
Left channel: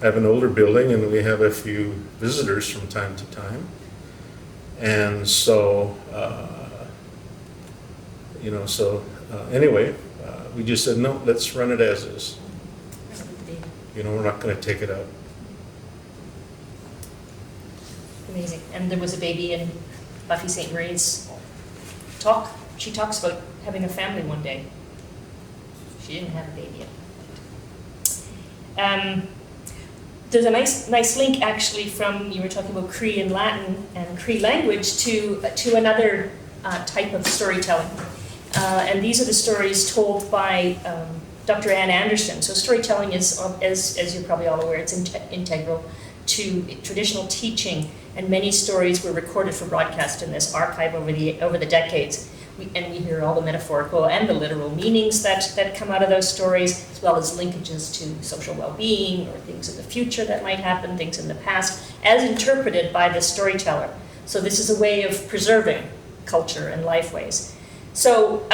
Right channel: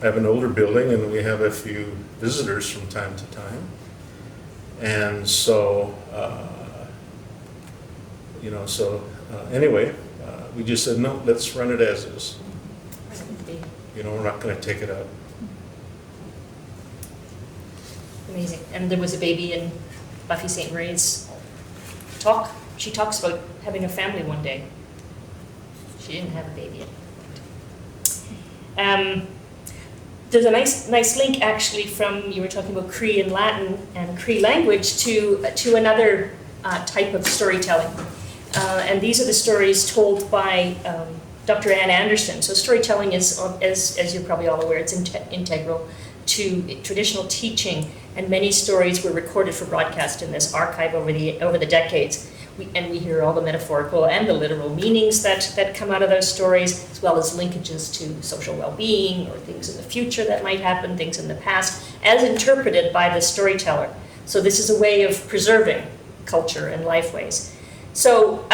have an older building and we have a few visitors from time to time. And so, anyway, we just said, no, let's run it as is. We're not going to take it out. Amazing. And there was a baby in Buffy St. Mary's talk. She talks about having a family one day. She didn't have a baby at that point. There's a nice link actually from, you were talking about Cree and Latin and Cree language to another type of storytelling. And these are the stories told by Dr. Ann Anderson. So storytelling is, as you're probably all aware, it's integral to traditional teaching, and many stories were recorded for broadcast in this archive over the decades. We hear all the metaphorical and the literal meanings that come out of those stories, as well as linkages to social well-being or things in the future that might happen, things in the past, as interpreted by the storyteller. So this is a way of preserving culture and lifeways. So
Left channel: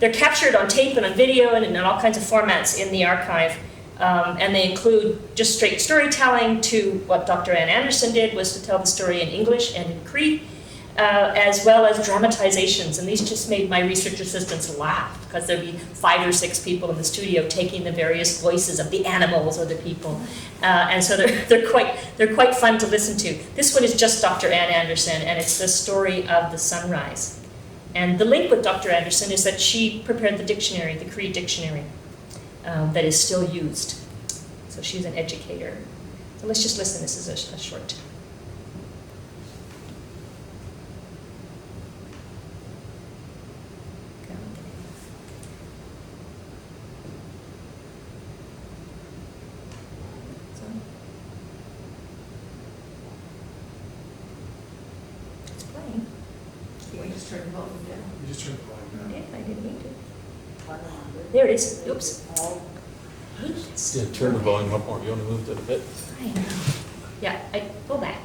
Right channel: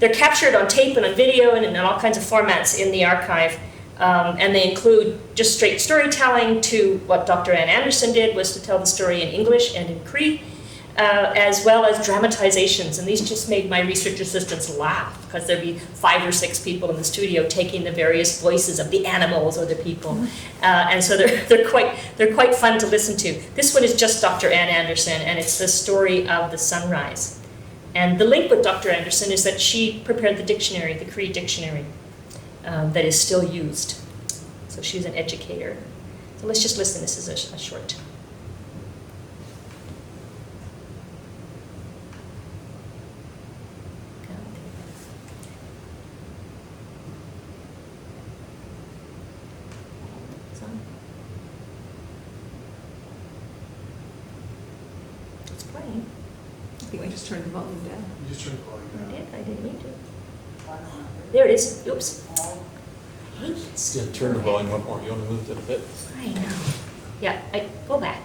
they're captured on tape and on video and in all kinds of formats in the archive. And they include just straight storytelling to what Dr. Ann Anderson did, was to tell the story in English and in Cree, as well as dramatizations. And these just made my research assistants laugh, because there'd be 5 or 6 people in the studio taking the various voices of the animals or the people. And so they're quite fun to listen to. This one is just Dr. Ann Anderson, and it's the story of the sunrise. And the link with Dr. Anderson is that she prepared the dictionary, the Cree dictionary, that is still used. So she's an educator. So let's just listen. This is a short. It's playing. I just turned the volume down. You just turned the volume I down. did. I didn't need to. There it is. Oops. Yeah, turn the volume up more. You want to move that a bit? I know. Yeah, I go back.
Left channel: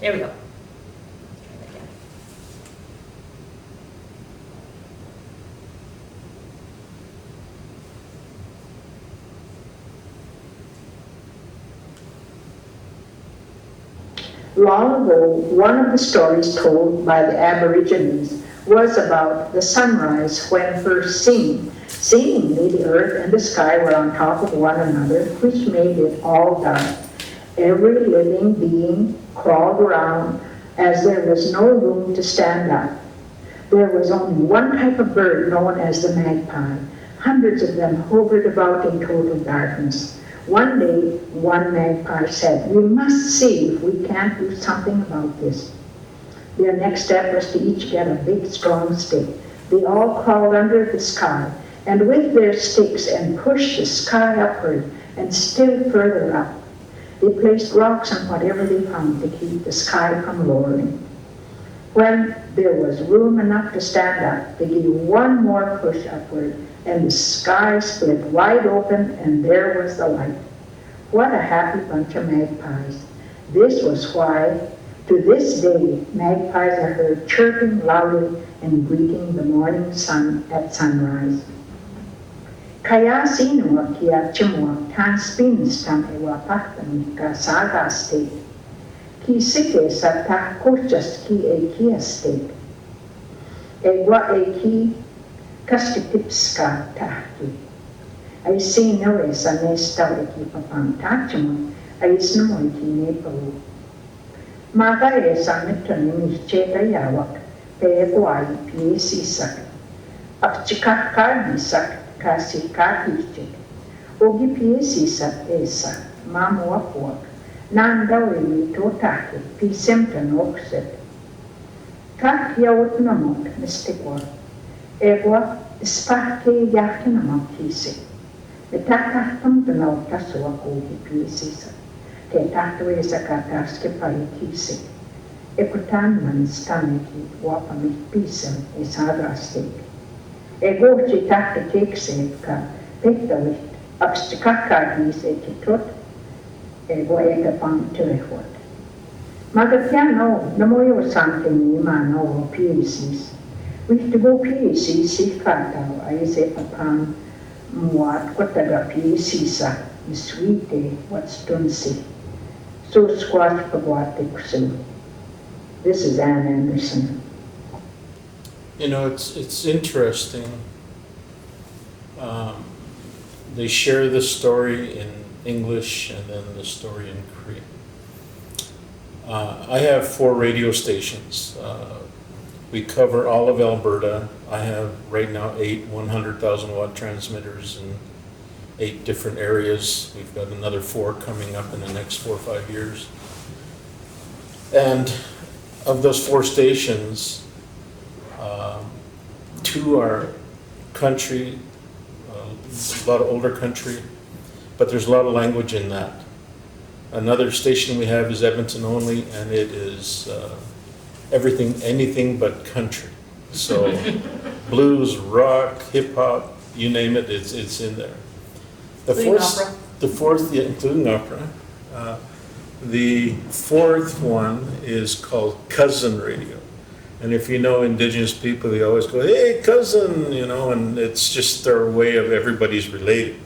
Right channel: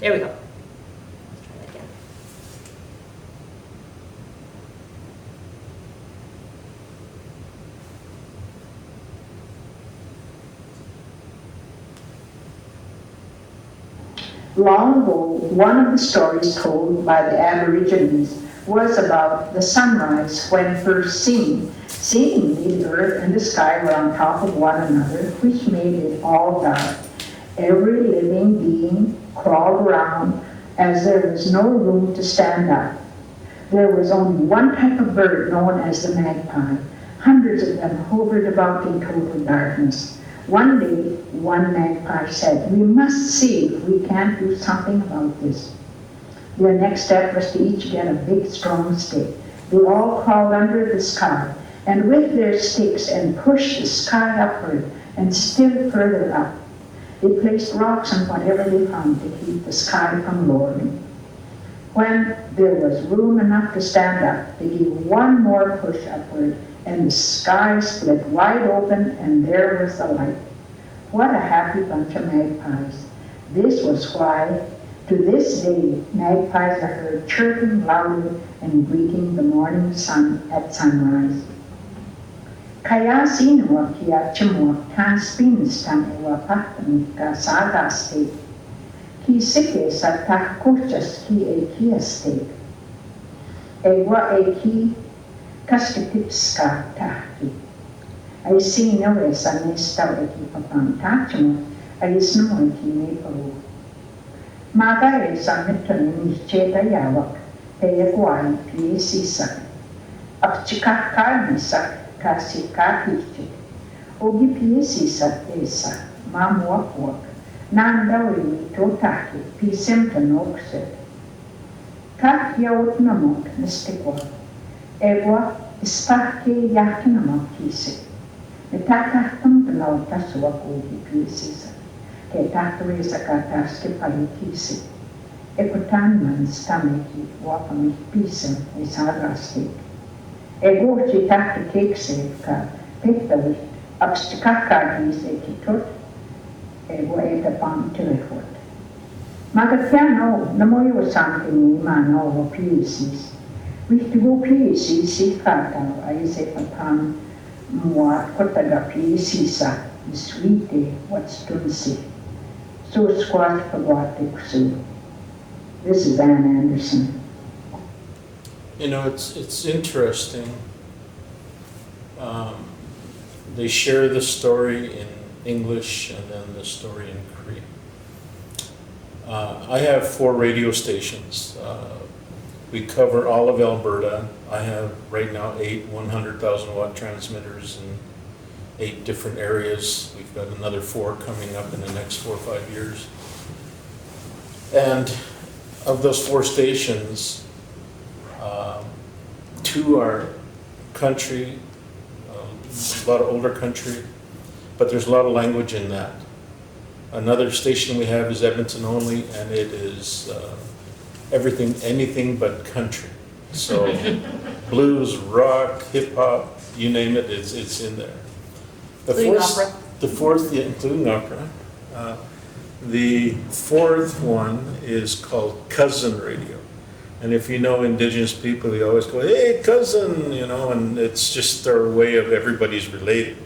There we go. Let's try that again. Long ago, one of the stories told by the Aborigines was about the sunrise when first seen. Seemingly, the earth and the sky were on top of one another, which made it all dark. Every living being crawled around as there was no room to stand up. There was only one type of bird known as the magpie. Hundreds of them hovered about in total darkness. One day, one magpie said, "We must see if we can't do something about this." Their next step was to each get a big, strong stick. They all crawled under the sky, and with their sticks and pushed the sky upward and still further up. They placed rocks on whatever they found to keep the sky from lowering. When there was room enough to stand up, they gave one more push upward, and the sky split wide open, and there was the light. What a happy bunch of magpies. This was why, to this day, magpies are heard chirping loudly and greeting the morning sun at sunrise. Kaya sino kia chimo tan spins tan ewa patan ka sagaste. Ki sike sa ta kurchas ki e kiaste. Ewa e ki kaskitipska tahki. Ay sino e sa nesta e ki papang tachimo ay sno e ki nepalu. Maga e sa mitran ni cheta yawak e kwai pi sisak. Ak chikak kardisak kasi kahirchik. Ogi pi sisak esa mamua kuak. Nandawi mito taki pi semtan okset. Kak yawut namot mistikwa. Ewa ispake yakinamot kisik. Itakahtam belau taswa ogi pi sisak. Ke takwe sa kataske palitisik. Eputan man staniki wapamit pisem isadrastik. Ego ci takte tekse ka pektavit abstikakadis etitot. Ego ega pang telefot. Magapiano namoyo sanke ni mano o piesis. Wiftibo piesis si kata ay se papan muat kotaga piesisa iswite what's tunsi. So squash pagwatiksin. This is Ann Anderson. You know, it's interesting. They share the story in English and then the story in Cree. I have 4 radio stations. We cover all of Alberta. I have right now 8 100,000 watt transmitters in 8 different areas. We've got another 4 coming up in the next 4 or 5 years. And of those 4 stations, 2 are country, a lot of older country, but there's a lot of language in that. Another station we have is Edmonton only, and it is everything, anything but country. So blues, rock, hip hop, you name it, it's in there. The fourth, yeah, including opera. The 4th one is called Cousin Radio. And if you know Indigenous people, they always go, "Hey, cousin," you know, and it's just their way of everybody's related.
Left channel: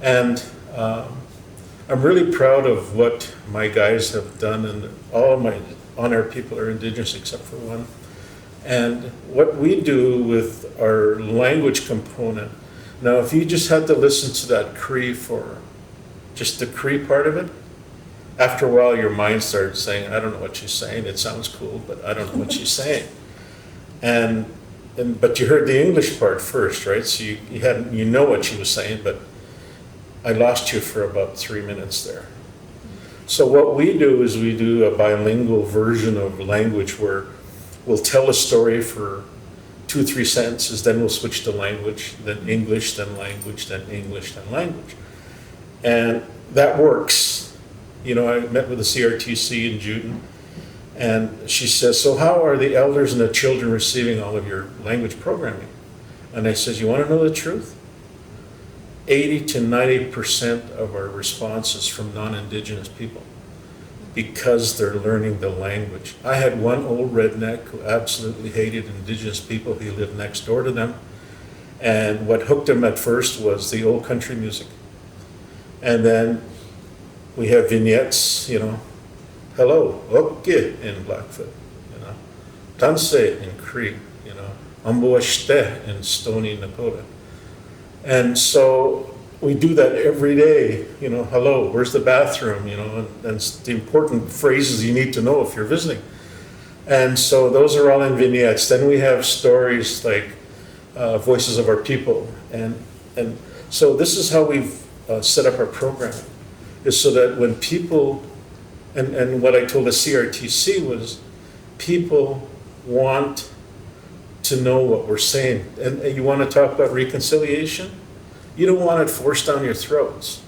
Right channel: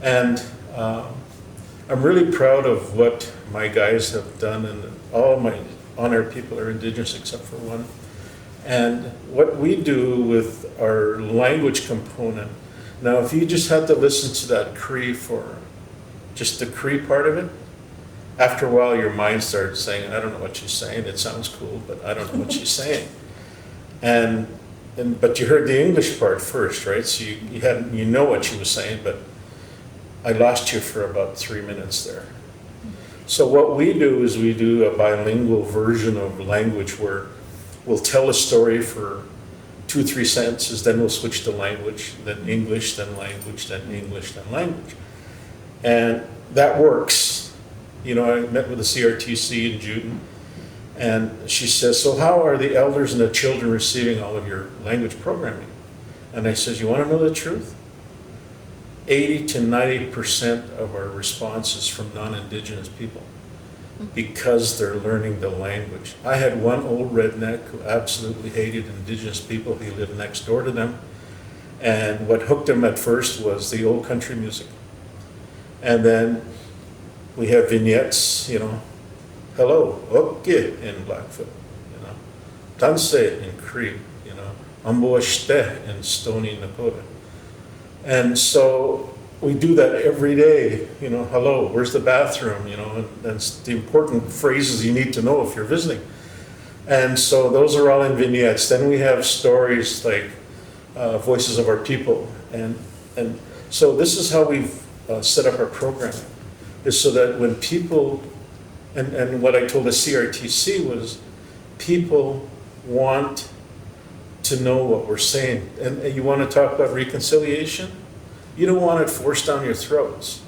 And I'm really proud of what my guys have done, and all my on-air people are Indigenous except for one. And what we do with our language component, now if you just had to listen to that Cree for just the Cree part of it, after a while your mind starts saying, "I don't know what she's saying, it sounds cool, but I don't know what she's saying." But you heard the English part first, right? So you know what she was saying, but I lost you for about 3 minutes there. So what we do is we do a bilingual version of language where we'll tell a story for 2-3 sentences, then we'll switch to language, then English, then language, then English, then language. And that works. You know, I met with the CRTC in June, and she says, "So how are the elders and the children receiving all of your language programming?" And I says, "You want to know the truth? 80 to 90% of our responses from non-Indigenous people, because they're learning the language." I had one old redneck who absolutely hated Indigenous people. He lived next door to them. And what hooked him at first was the old country music. And then we have vignettes, you know, hello, oke in Blackfoot, you know, tanse in Cree, you know, amboashte in Stony Nakota. And so we do that every day, you know, hello, where's the bathroom, you know, and it's the important phrases you need to know if you're visiting. And so those are all in vignettes. Then we have stories like Voices of Our People. And so this is how we've set up our programming, is so that when people, and what I told the CRTC was, people want to know what we're saying. And you want to talk about reconciliation? You don't want it forced down your throats,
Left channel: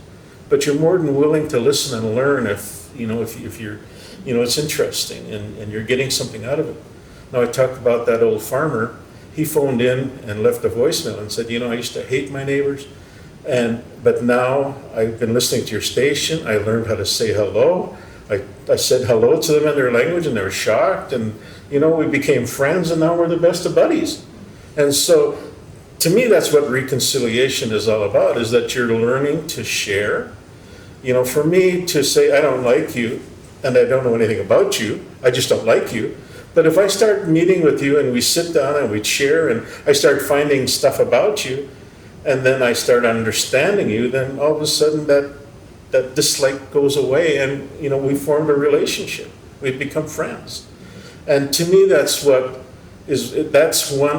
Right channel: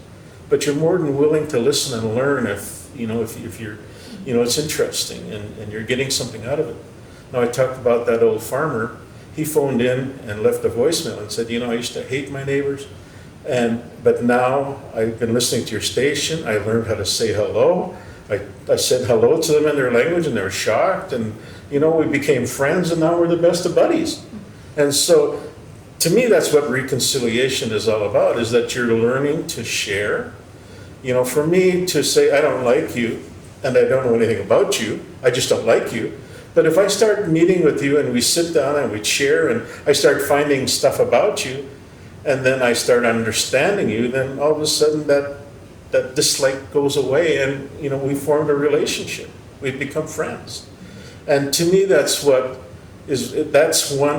but you're more than willing to listen and learn if you're, you know, it's interesting and you're getting something out of it. Now I talked about that old farmer. He phoned in and left a voicemail and said, you know, I used to hate my neighbors, but now I've been listening to your station. I learned how to say hello. I said hello to them in their language and they were shocked, and you know, we became friends and now we're the best of buddies. And so to me, that's what reconciliation is all about, is that you're learning to share. You know, for me to say, I don't like you, and I don't know anything about you, I just don't like you. But if I start meeting with you and we sit down and we share and I start finding stuff about you, and then I start understanding you, then all of a sudden that dislike goes away and, you know, we formed a relationship. We've become friends. And to me, that's one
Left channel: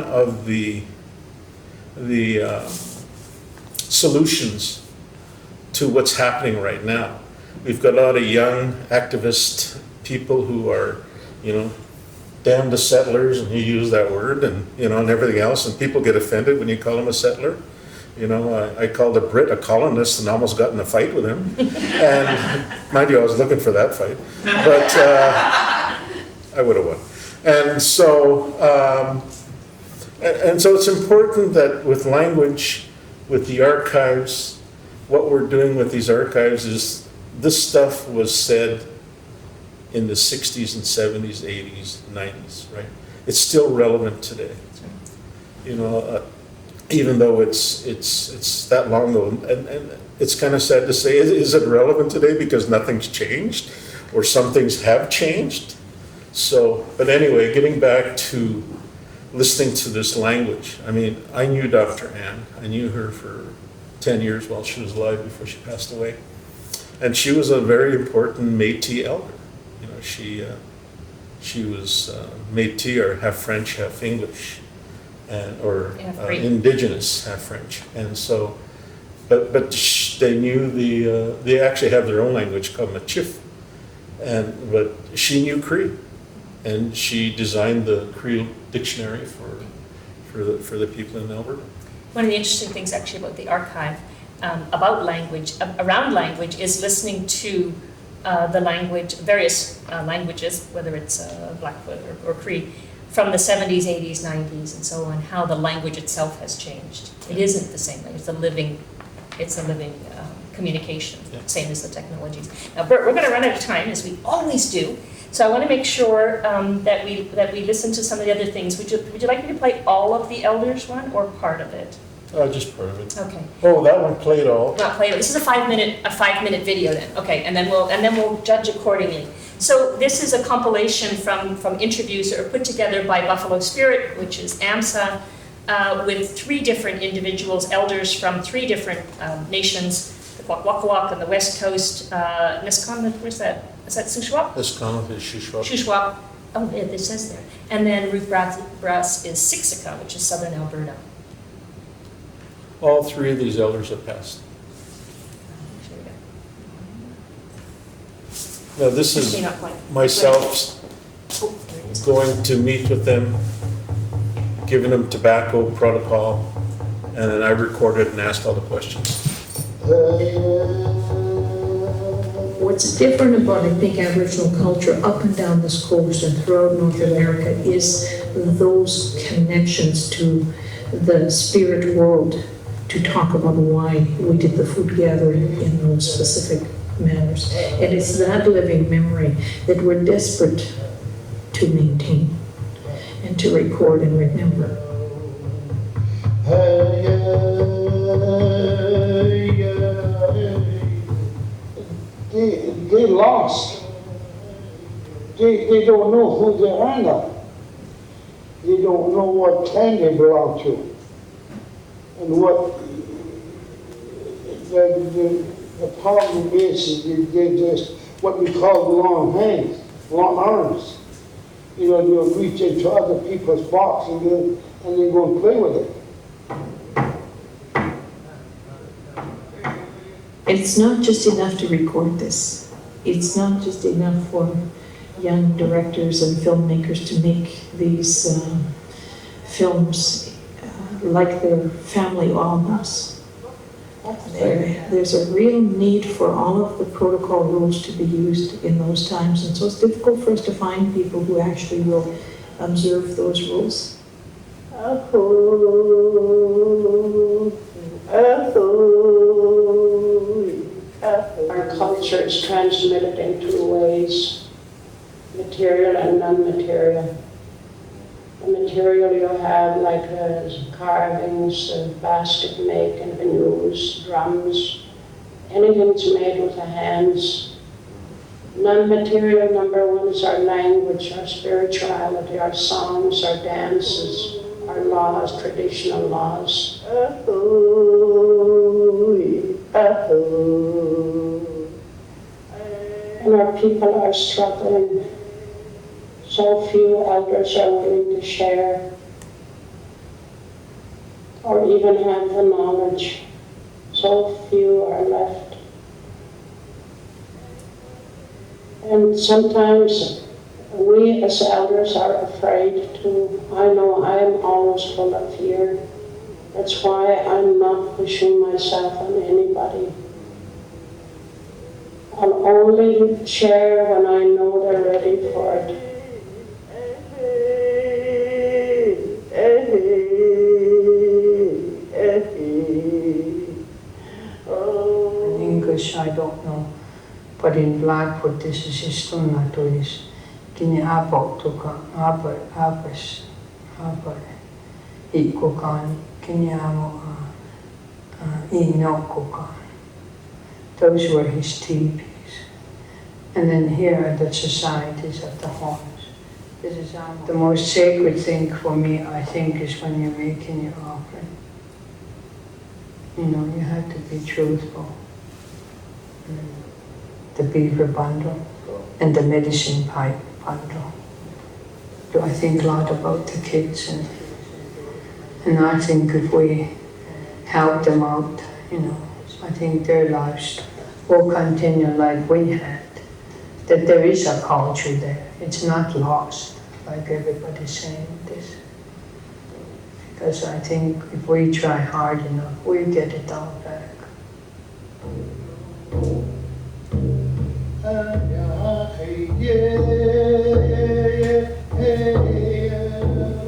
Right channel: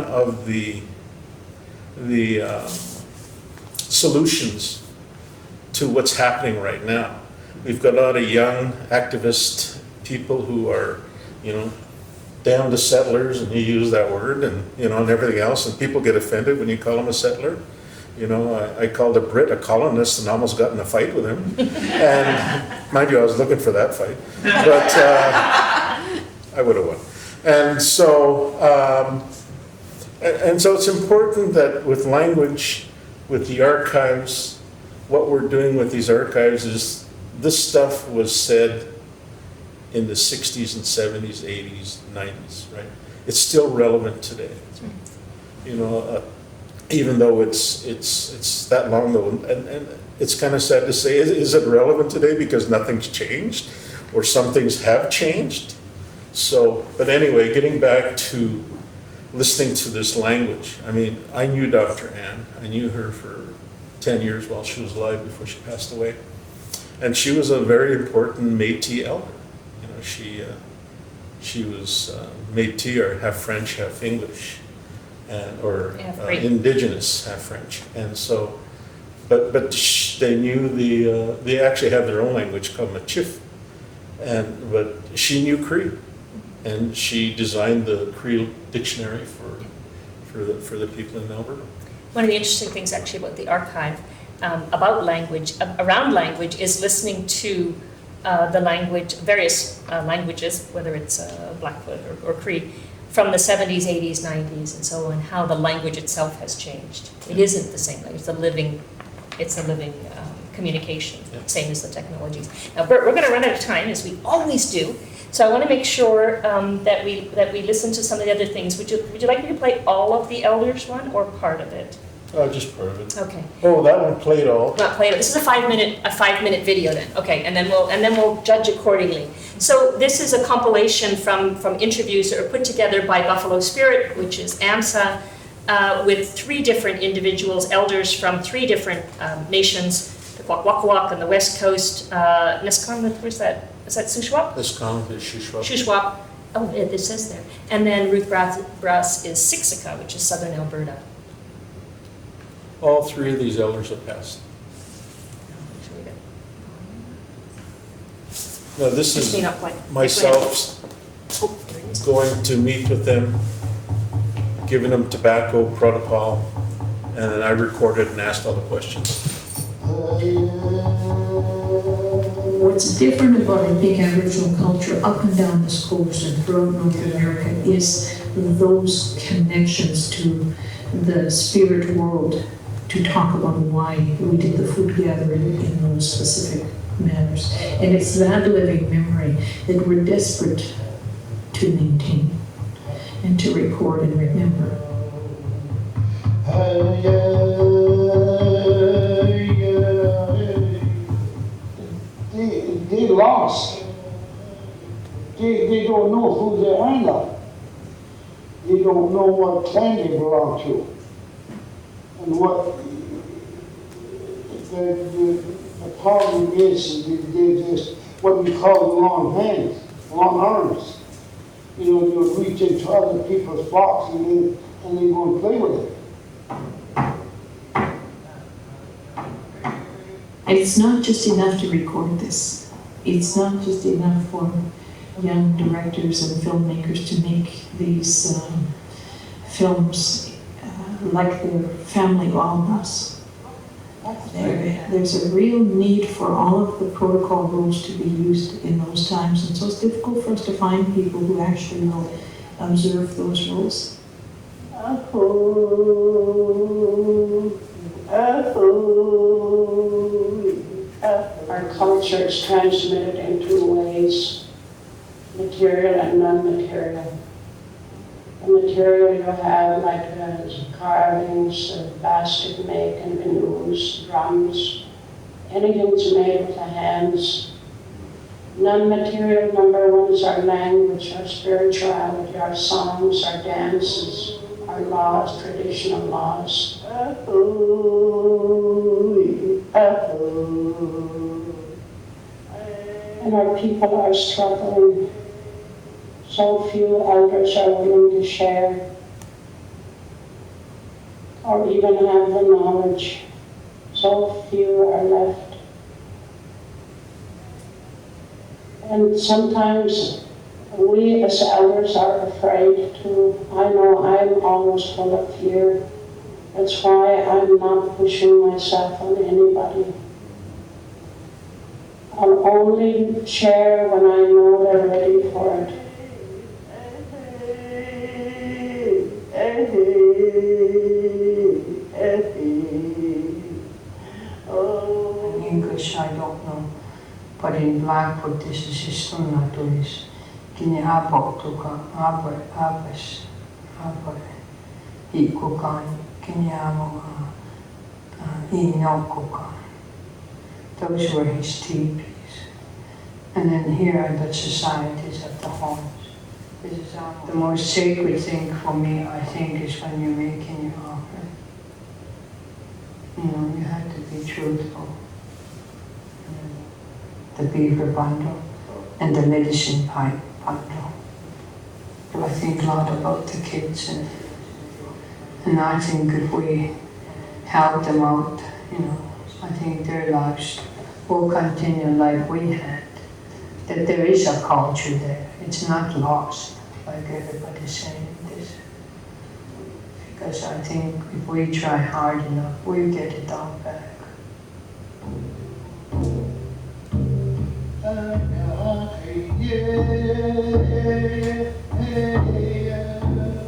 of the solutions to what's happening right now. We've got a lot of young activist people who are, you know, damn the settlers, and you use that word, and you know, and everything else, and people get offended when you call them a settler. You know, I called a Brit a colonist and almost got in a fight with him. And mind you, I was looking for that fight, but I would have won. And so it's important that with language, with the archives, what we're doing with these archives is this stuff was said in the 60s and 70s, 80s, 90s, right? It's still relevant today. You know, even though it's that long ago, and it's kind of sad to say, is it relevant today because nothing's changed or some things have changed? So, but anyway, getting back to listening to this language. I mean, I knew Dr. Ann. I knew her for 10 years while she was alive before she passed away. And she was a very important Métis elder. You know, she was Métis, or half French, half English, or Indigenous, half French. And so, but they knew they actually have their own language called Machif. But she knew Cree, and she designed the Cree dictionary for the people in Alberta. One of the interesting things actually about the archive, about language, around language, is listening to the language, various languages, whether it's Blackfoot or Cree, from the 70s, 80s, 90s, and so on, how the language itself has changed. It isn't the same language. It's a living communication, same as the technologies. Now, Bert, we're going to run out of time, as we always do. So I want to make sure that we listen to some of the other things. Would you like me to play all of the Elders one or part of it? Just part of it. Okay. Oh, that one played all. Not played. This is a 5 minute video then. Okay, and then we'll judge accordingly. So this is a compilation from interviews that are put together by Buffalo Spirit, which is AMSA, with 3 different individuals, elders from 3 different nations. The Kwakwaka'wakw on the west coast, Nisquam, where's that? Is that Shuswap? Nisquam is Shuswap. Shuswap. Oh, it says there. And then Ruth Brass is Siksika, which is southern Alberta. All 3 of these elders have passed. Now this is myself going to meet with them, giving them tobacco protocol, and then I recorded and asked all the questions. What's different about, I think, Aboriginal culture up and down this coast and throughout North America is those connections to the spirit world, to talk about why we did the food gathering in those specific manners. And it's that living memory that we're desperate to maintain and to record and remember. They lost they don't know who they are now. They don't know what clan they belong to. And what the problem is they just what we call the long hands, long arms. You know, they'll reach into other people's box and they go and play with it. And it's not just enough to record this. It's not just enough for young directors and filmmakers to make these films like their family albums. There's a real need for all of the protocol rules to be used in those times, and so it's difficult for us to find people who actually will observe those rules. Our culture is transmitted in two ways, material and non-material. The material you have like carvings, basket making, canoes, drums, anything that's made with the hands. Non-material, number one, is our language, our spirituality, our songs, our dances, our laws, traditional laws. And our people are struggling. So few elders are willing to share or even have the knowledge. So few are left. And sometimes we as elders are afraid to. I know I'm always full of fear. That's why I'm not pushing myself on anybody. I'll only share when I know they're ready for it. In English, I don't know, but in Blackfoot, this is historia to is kini apo tuka apes ikukan kini amo inokuka. Those were his teepees. And then here are the societies at the horns. This is the most sacred thing for me, I think, is when you're making your offering. You know, you have to be truthful. And the beaver bundle and the medicine pipe bundle. I think a lot about the kids, and I think if we help them out, you know, I think their lives will continue like we had. That there is a culture there. It's not lost, like everybody's saying this. Because I think if we try hard enough, we get it all back.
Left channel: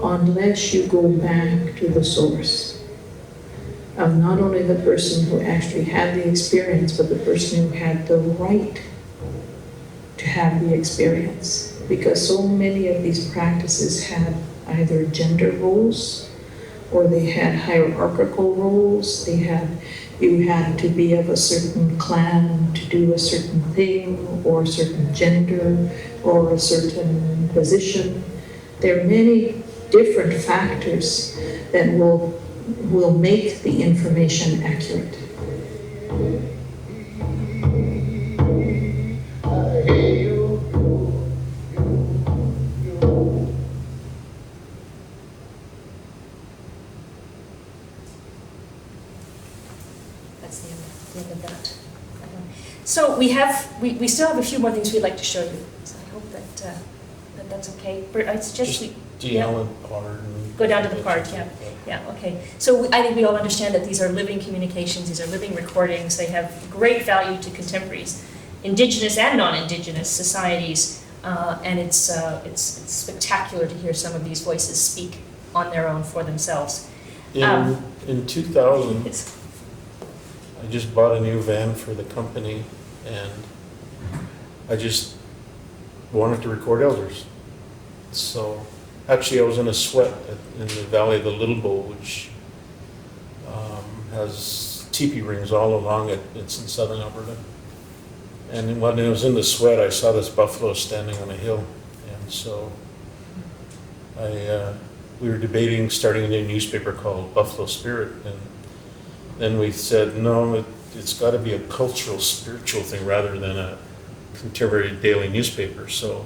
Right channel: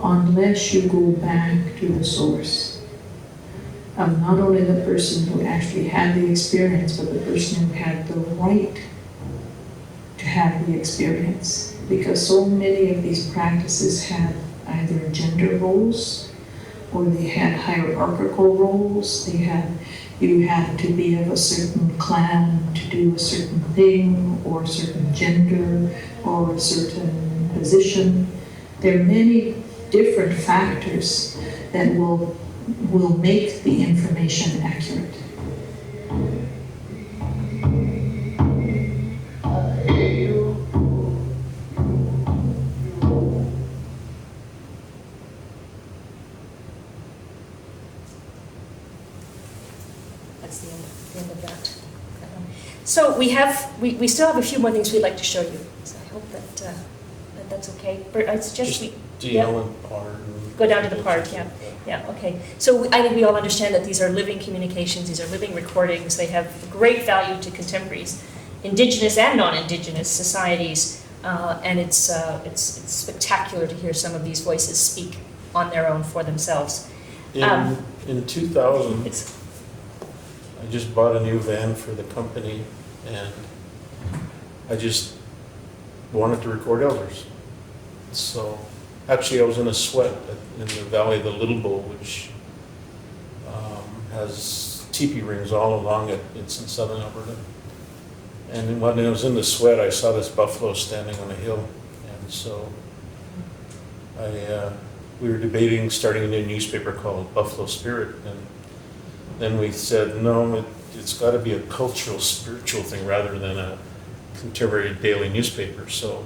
Unless you go back to the source of not only the person who actually had the experience, but the person who had the right to have the experience. Because so many of these practices had either gender roles, or they had hierarchical roles. You had to be of a certain clan to do a certain thing, or a certain gender, or a certain position. There are many different factors that will make the information accurate. That's the end of that. So we still have a few more things we'd like to show you. So I hope that that's okay. Bert, I suggest we and part. go down to the part. Yeah. Okay. So I think we all understand that these are living communications. These are living recordings. They have great value to contemporaries, Indigenous and non-Indigenous societies, and it's spectacular to hear some of these voices speak on their own for themselves. In 2000. I just bought a new van for the company, and I just wanted to record elders. So actually I was in a sweat in the valley of the Little Bow, which has teepee rings all along it. It's in southern Alberta. And when I was in the sweat, I saw this buffalo standing on a hill. And so we were debating starting a new newspaper called Buffalo Spirit. And then we said, no, it's got to be a cultural, spiritual thing rather than a contemporary daily newspaper. So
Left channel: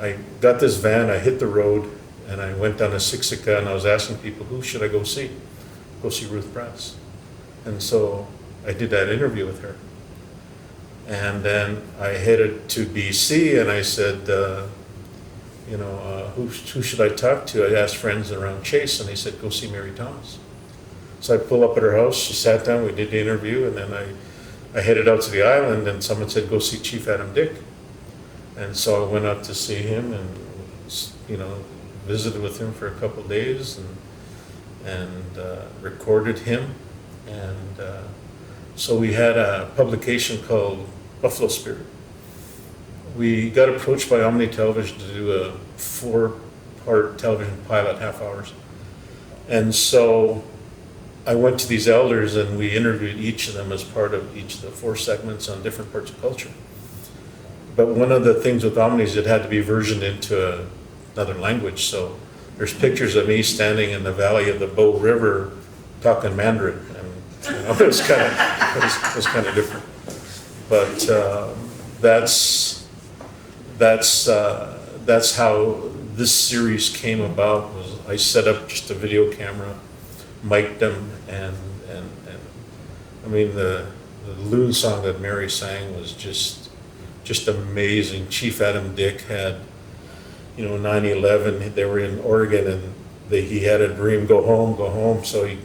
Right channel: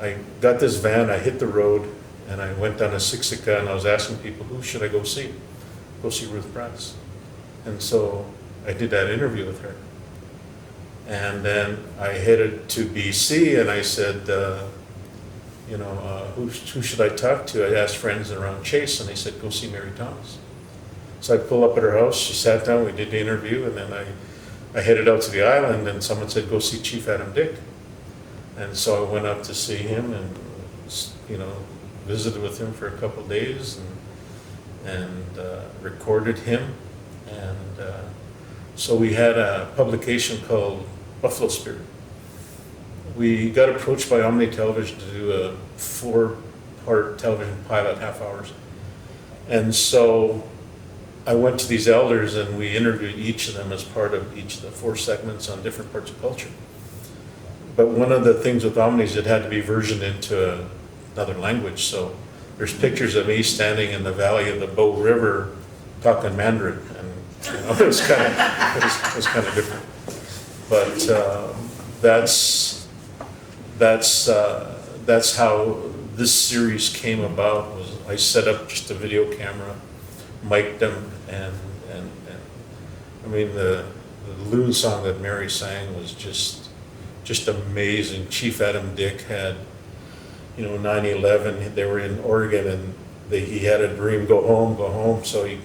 I got this van, I hit the road, and I went down to Siksika, and I was asking people, who should I go see? Go see Ruth Bratz. And so I did that interview with her. And then I headed to BC, and I said, who should I talk to? I asked friends around Chase, and they said, go see Mary Thomas. So I pulled up at her house, she sat down, we did the interview, and then I headed out to the island, and someone said, go see Chief Adam Dick. And so I went out to see him and, visited with him for a couple of days and recorded him. And so we had a publication called Buffalo Spirit. We got approached by Omni Television to do a 4-part television pilot, half hours. And so I went to these elders and we interviewed each of them as part of each of the 4 segments on different parts of culture. But one of the things with Omni is it had to be versioned into another language. So there's pictures of me standing in the valley of the Bow River talking Mandarin. And it was kind of different. But that's how this series came about. Was I set up just a video camera, mic'd them, and I mean the loon song that Mary sang was just amazing. Chief Adam Dick had 9/11. They were in Oregon and he had a dream, go home. So he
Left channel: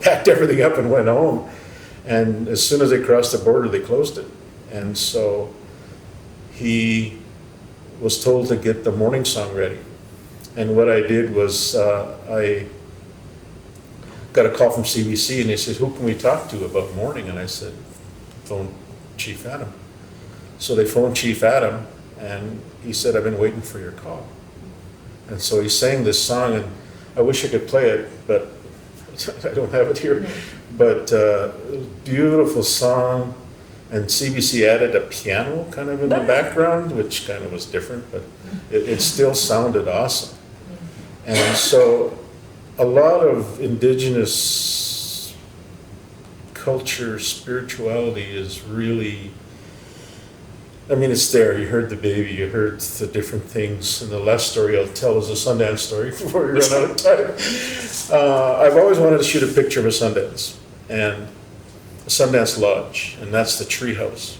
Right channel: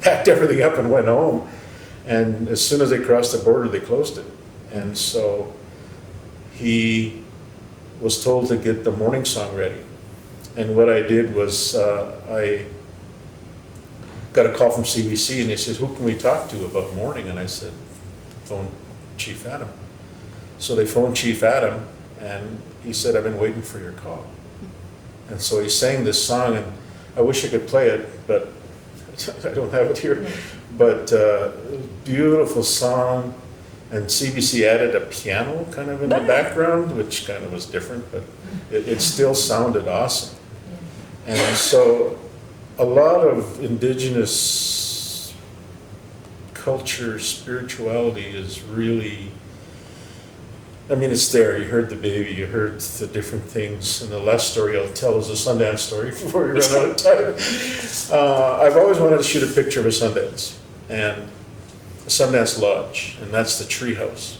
packed everything up and went home. And as soon as they crossed the border, they closed it. And so he was told to get the morning song ready. And what I did was I got a call from CBC and they said, who can we talk to about morning? And I said, phone Chief Adam. So they phoned Chief Adam and he said, I've been waiting for your call. And so he sang this song, and I wish I could play it, but I don't have it here. But beautiful song, and CBC added a piano kind of in the background, which kind of was different, but it still sounded awesome. And so a lot of Indigenous culture, spirituality is really, it's there. You heard the baby, you heard the different things. And the last story I'll tell is a Sundance story before we run out of time. I've always wanted to shoot a picture of a Sundance, and a Sundance Lodge, and that's the tree house.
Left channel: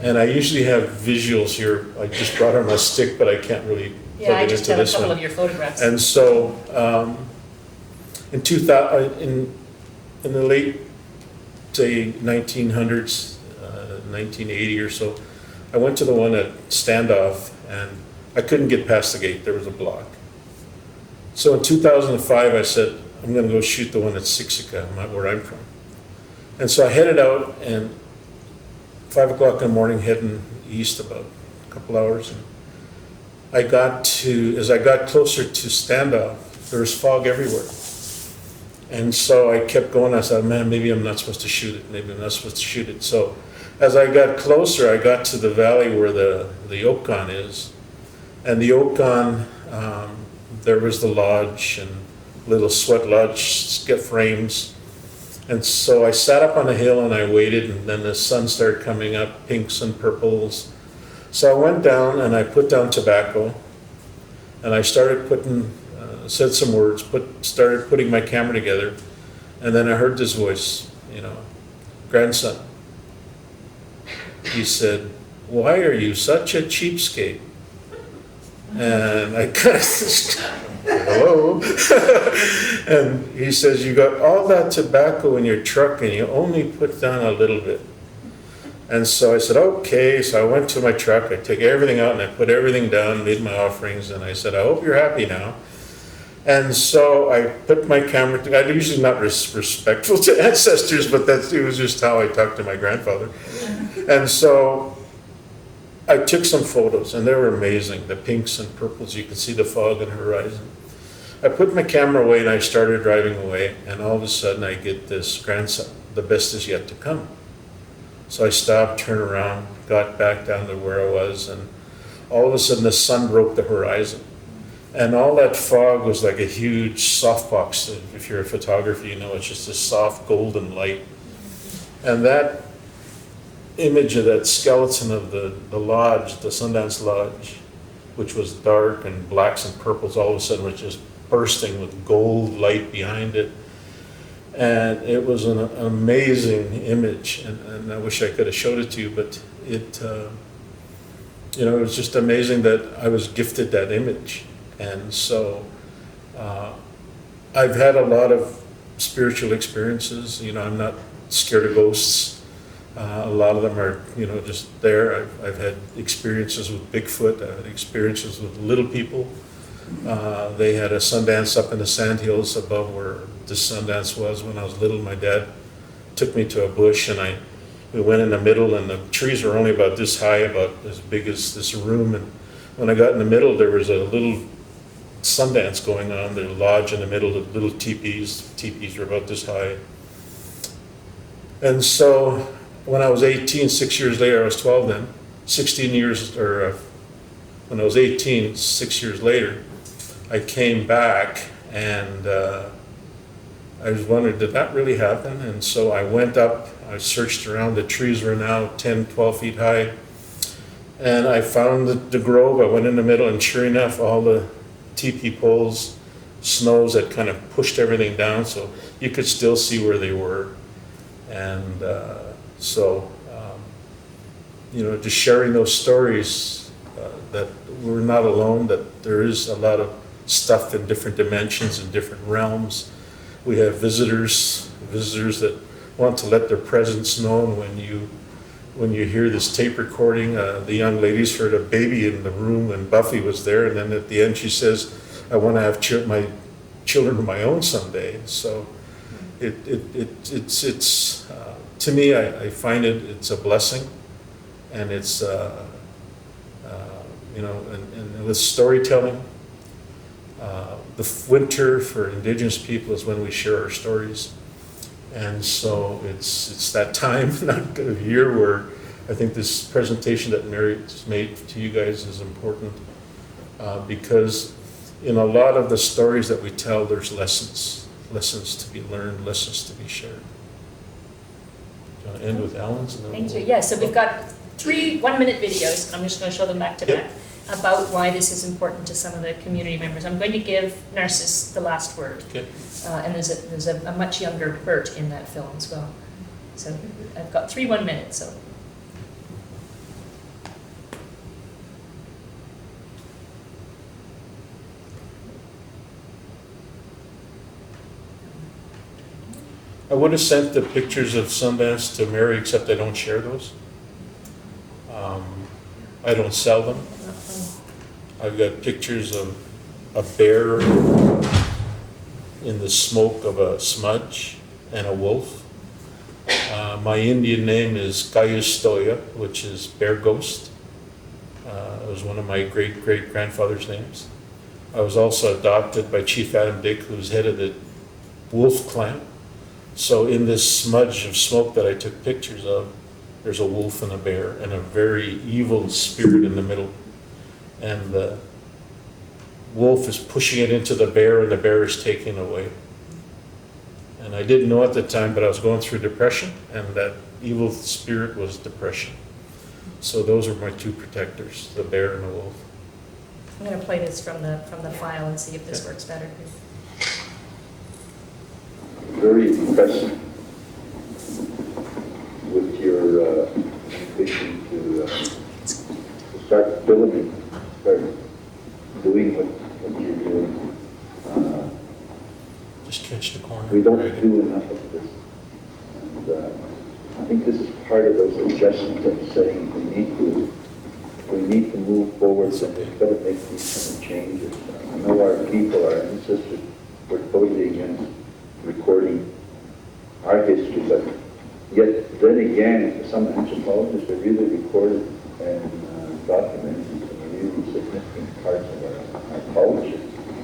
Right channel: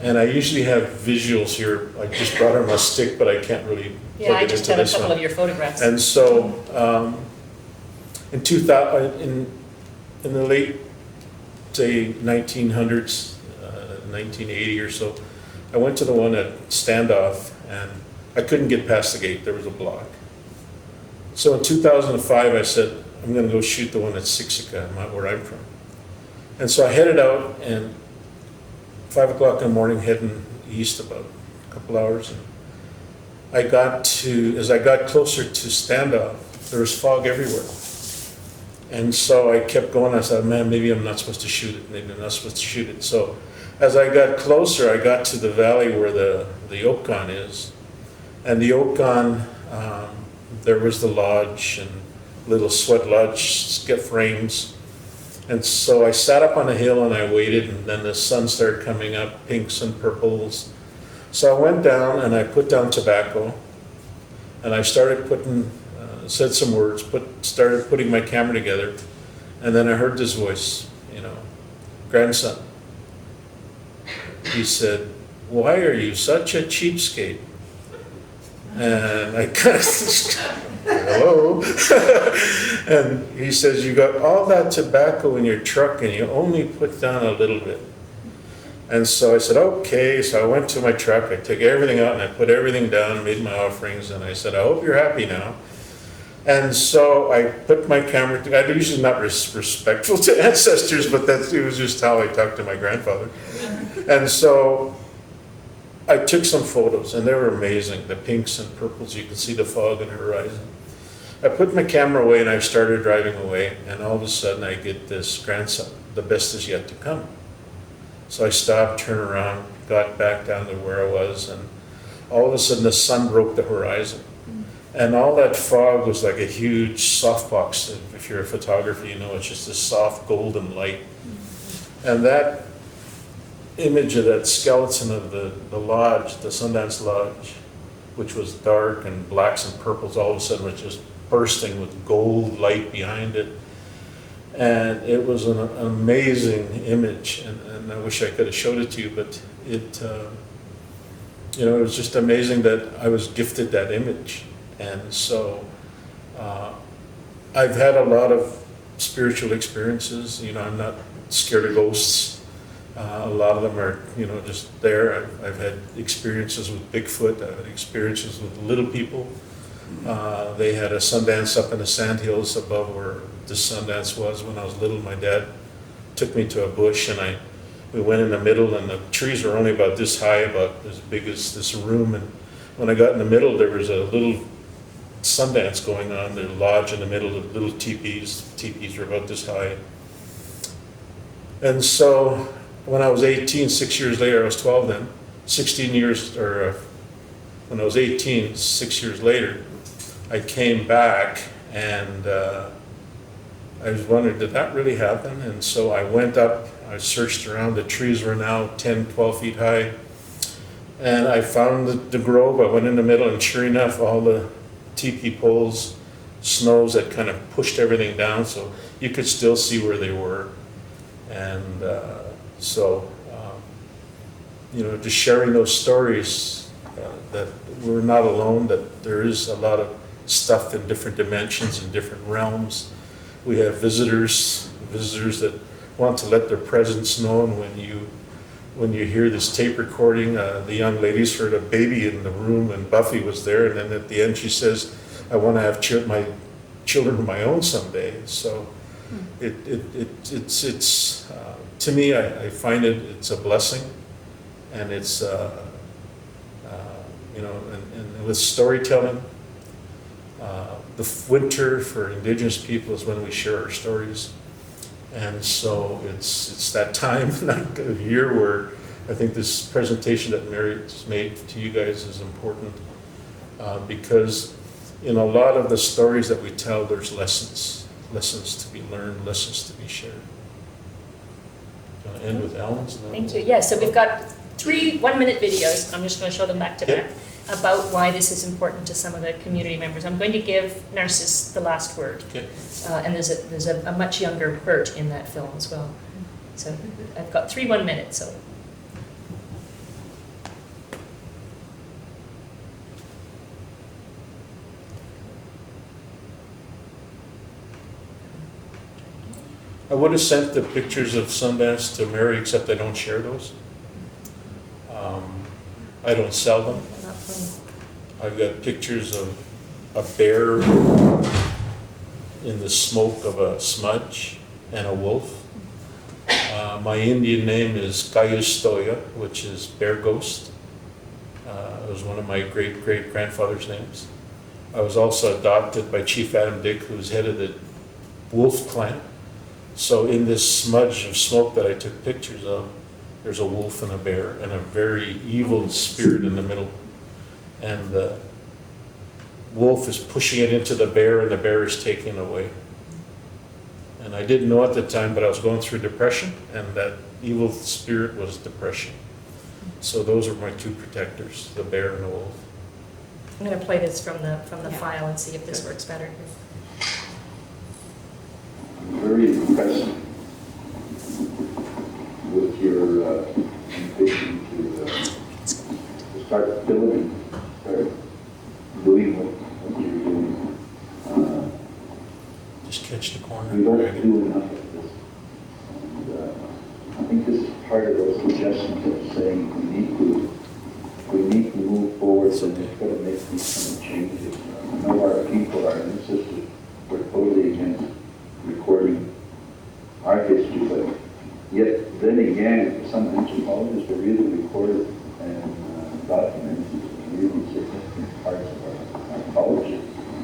And I usually have visuals here. I just brought on my stick, but I can't really plug it into this one. Yeah, I just have a couple of your photographs. And so in the late, say, 1900s, 1980 or so, I went to the one at Standoff, and I couldn't get past the gate. There was a block. So in 2005, I said, I'm going to go shoot the one at Siksika, where I'm from. And so I headed out, and 5 o'clock in the morning, heading east about a couple hours. And as I got closer to Standoff, there was fog everywhere. And so I kept going. I thought, man, maybe I'm not supposed to shoot it. Maybe I'm not supposed to shoot it. So as I got closer, I got to the valley where the Oakon is. And the Oakon, there was the lodge and little sweat lodge frames. And so I sat up on a hill and I waited, and then the sun started coming up, pinks and purples. So I went down and I put down tobacco, and I started said some words, started putting my camera together, and then I heard this voice, grandson. He said, why are you such a cheapskate? And I kind of, hello? And he says, you got all that tobacco in your truck and you only put down a little bit. And so I said, okay. So I went to my truck, I took everything out and I put everything down, made my offerings, and I said, I hope you're happy now. And so I put my camera, I'm usually not respectful to ancestors, but it was just how I talked to my grandfather. And so I took some photos, and they were amazing. The pinks and purples, you could see the fog and the horizon. I put my camera away and I started driving away, and all of a sudden I get this grandson, the best is yet to come. So I stopped, turned around, got back down to where I was, and all of a sudden the sun broke the horizon. And all that fog was like a huge softbox. If you're a photographer, you know it's just a soft golden light. And that image of that skeleton of the lodge, the Sundance Lodge, which was dark and blacks and purples, all of a sudden was just bursting with gold light behind it. And it was an amazing image, and I wish I could have showed it to you, but it, you know, it was just amazing that I was gifted that image. And so I've had a lot of spiritual experiences. You know, I'm not scared of ghosts. A lot of them are, you know, just there. I've had experiences with Bigfoot. I've had experiences with little people. They had a Sundance up in the sandhills above where the Sundance was when I was little. My dad took me to a bush, and we went in the middle, and the trees were only about this high, about as big as this room. And when I got in the middle, there was a little Sundance going on, the lodge in the middle, the little teepees. Teepees were about this high. And so when I was 18, 6 years later, I was 12 then, 16 years, or when I was 18, 6 years later, I came back, and I was wondering, did that really happen? And so I went up, I searched around, the trees were now 10, 12 feet high, and I found the grove. I went in the middle, and sure enough, all the teepee poles, snows that kind of pushed everything down, so you could still see where they were. And so, you know, just sharing those stories, that we're not alone, that there is a lot of stuff in different dimensions and different realms. We have visitors that want to let their presence known. When you hear this tape recording, the young ladies heard a baby in the room, and Buffy was there, and then at the end she says, I want to have my children of my own someday. So it's to me, I find it's a blessing, and it's you know, and with storytelling, the winter for Indigenous people is when we share our stories. And so it's that time of year where I think this presentation that Mary's made to you guys is important, because in a lot of the stories that we tell, there's lessons to be learned, lessons to be shared. End with Alan's? Thank you. Yeah, so we've got 3 1-minute videos. I'm just going to show them back to back about why this is important to some of the community members. I'm going to give Narcissus the last word. Okay. And there's a much younger Bert in that film as well. So I've got 3 1 minutes. So. I would have sent the pictures of Sundance to Mary, except I don't share those. I don't sell them. I've got pictures of a bear in the smoke of a smudge and a wolf. My Indian name is Gayustoya, which is bear ghost. It was one of my great-great-grandfather's names. I was also adopted by Chief Adam Dick, who was head of the wolf clan. So in this smudge of smoke that I took pictures of, there's a wolf and a bear and a very evil spirit in the middle. And the wolf is pushing it into the bear, and the bear is taking it away. And I didn't know at the time, but I was going through depression, and that evil spirit was depression. So those are my 2 protectors, the bear and the wolf. I'm going to play this from the file and see if this works better. Very impressed with your ambition to start building, start doing what you're doing. Just catch the corner. We don't do enough of this. And I think this is part of the suggestions of saying we need to move forward, and we've got to make these kind of changes. I know our people, our ancestors, were totally against recording our history, but yet then again, some anthropologists will really record and document some really significant parts of our culture.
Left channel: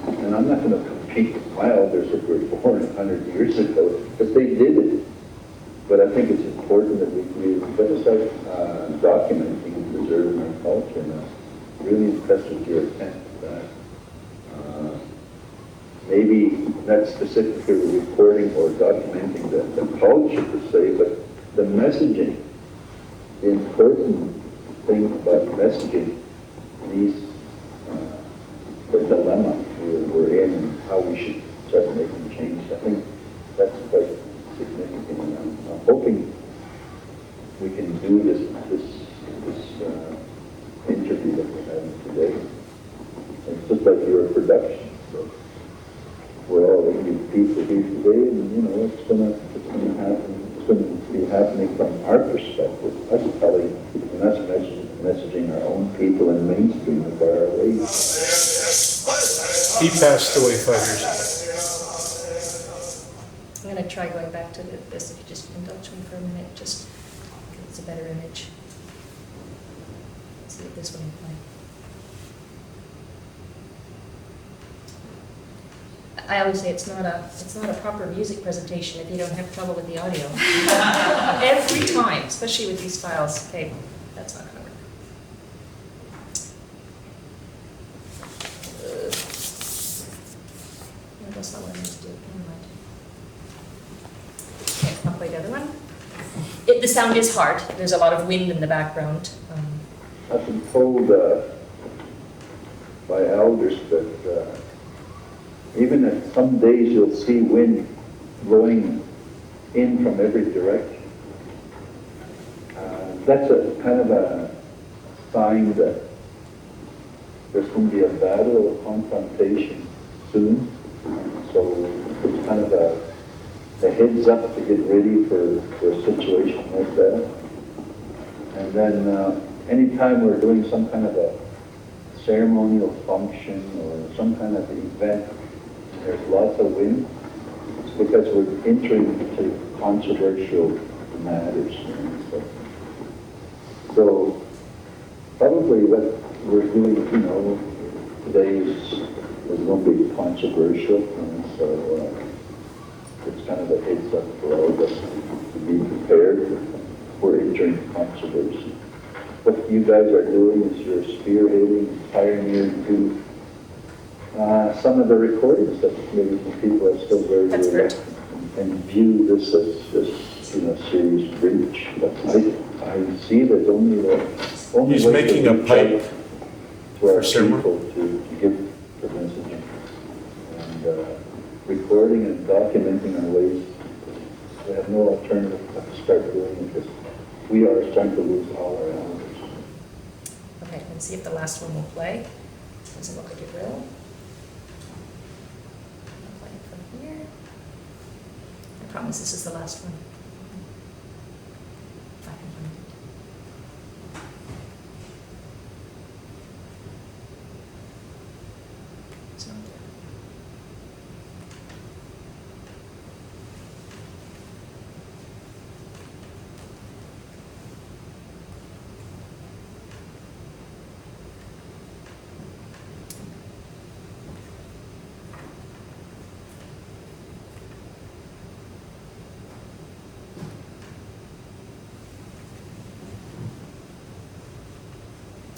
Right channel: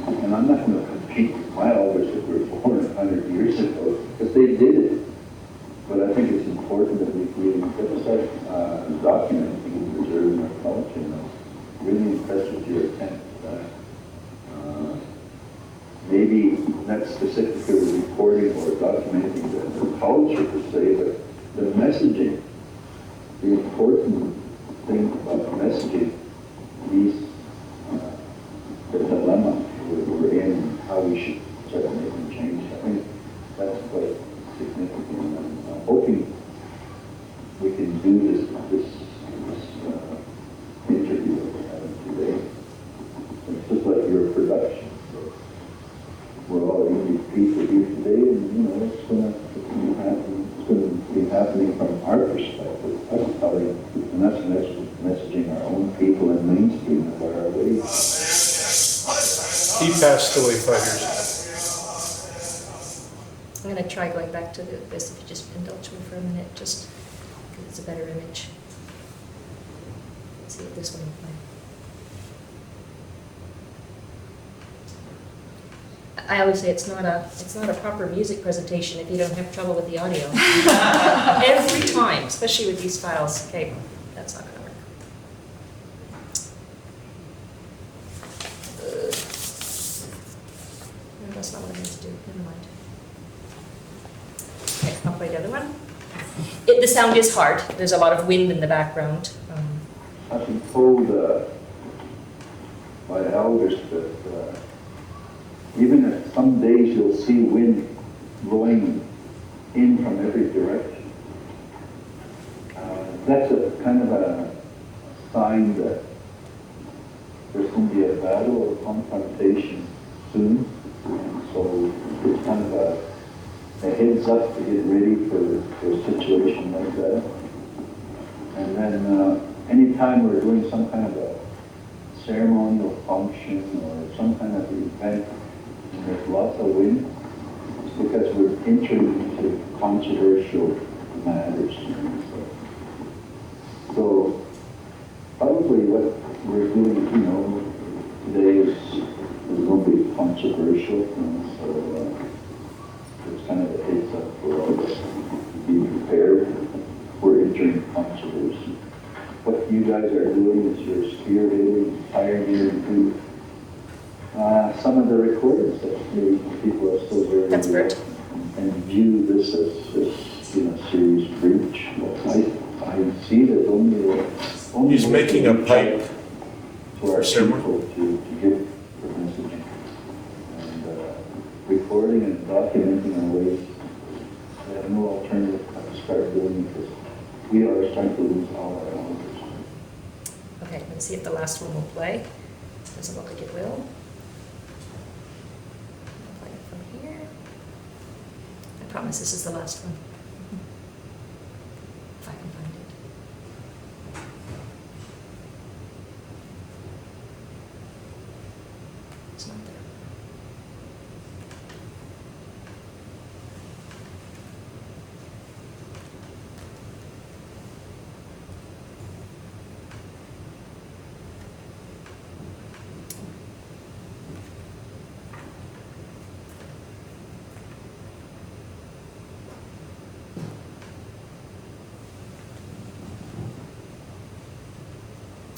And I'm not going to compete my elders that were born 100 years ago, because they did it. But I think it's important important that we start documenting and preserving our culture. And I'm really impressed with your attempt. Maybe not specifically recording or documenting the culture per se, but the messaging. The important thing about messaging, the dilemma we're in and how we should start making change. I think that's quite significant. And I'm hoping we can do this interview that we're having today. It's just like your production. So we're all people here today, and it's gonna happen. It's going to be happening from our perspective. That's probably, and that's messaging our own people and mainstream of our ways. He passed away 5 years ago. I'm going to try going back to this, if you just indulge me for a minute, just because it's a better image. Let's see what this one will play. I always say it's not a proper music presentation if you don't have trouble with the audio. Every time, especially with these files. Okay, that's not gonna work. That's not what I meant to do. Never mind. Okay, I'll play the other one. The sound is hard. There's a lot of wind in the background. I've been told by elders that even if some days you'll see wind blowing in from every direction, that's a kind of a sign that there's going to be a battle or confrontation soon. And so it's kind of a heads up to get ready for a situation like that. And then anytime we're doing some kind of a ceremonial function or some kind of event, and there's lots of wind, it's because we're entering into controversial matters. So probably what we're doing, today is going to be controversial, and so it's kind of a heads up for all of us to be prepared for entering controversy. What you guys are doing is you're spearheading, pioneering through some of the recordings that maybe people are still very and view this as serious breach. But I see that only He's making a pipe to our for people to give the message and recording and documenting in ways they have no alternative but to start doing because we are starting to lose all our elders. Okay, let's see if the last one will play. Doesn't look like it will. From here. I promise this is the last one. If I can find it. It's not there.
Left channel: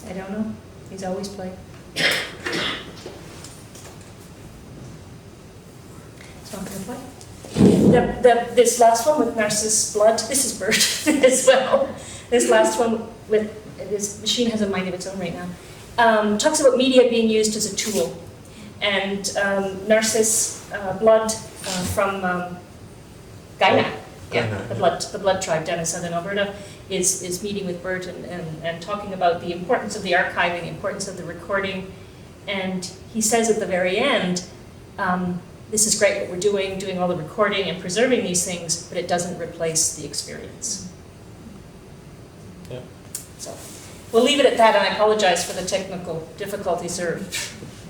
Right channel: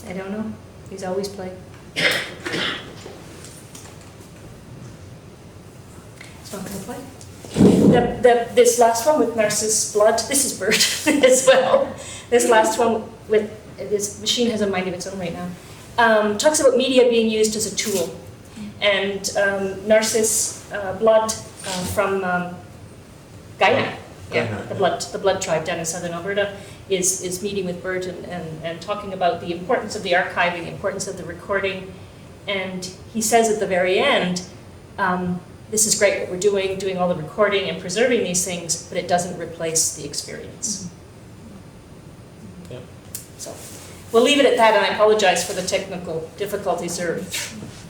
I don't know. He's always played. It's not going to play. This last one with Narcissus blood, this is Bert as well. This last one with, this machine has a mind of its own right now, talks about media being used as a tool. And Narcissus blood from Guyana. Yeah, the blood tribe down in southern Alberta is meeting with Bert and talking about the importance of the archiving, the importance of the recording. And he says at the very end, this is great what we're doing all the recording and preserving these things, but it doesn't replace the experience. Yeah. So we'll leave it at that, and I apologize for the technical difficulties. They're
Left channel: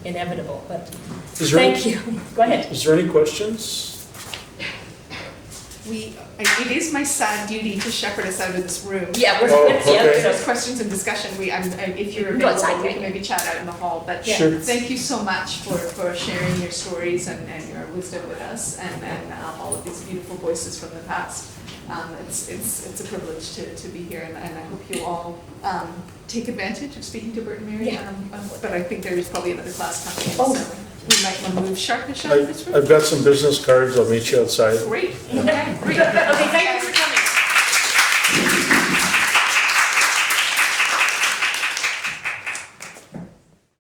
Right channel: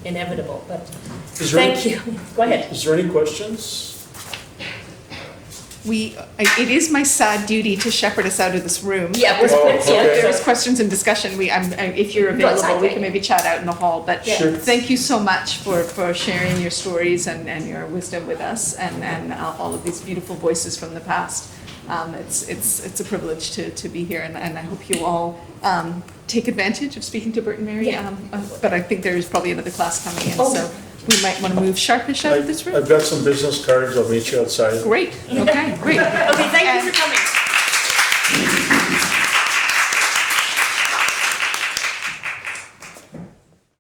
inevitable, but thank you. Go ahead. Is there any questions? It is my sad duty to shepherd us out of this room. Yeah, If there's questions and discussion, if you're available, we can maybe chat out in the hall. But Sure. Thank you so much for sharing your stories and your wisdom with us and all of these beautiful voices from the past. It's a privilege to be here, and I hope you all take advantage of speaking to Bert and Mary. Yeah. But I think there is probably another class coming in, Oh. so we might want to move sharpish out of this room. I've got some business cards, I'll meet you outside. Great, okay, great. Okay, thank you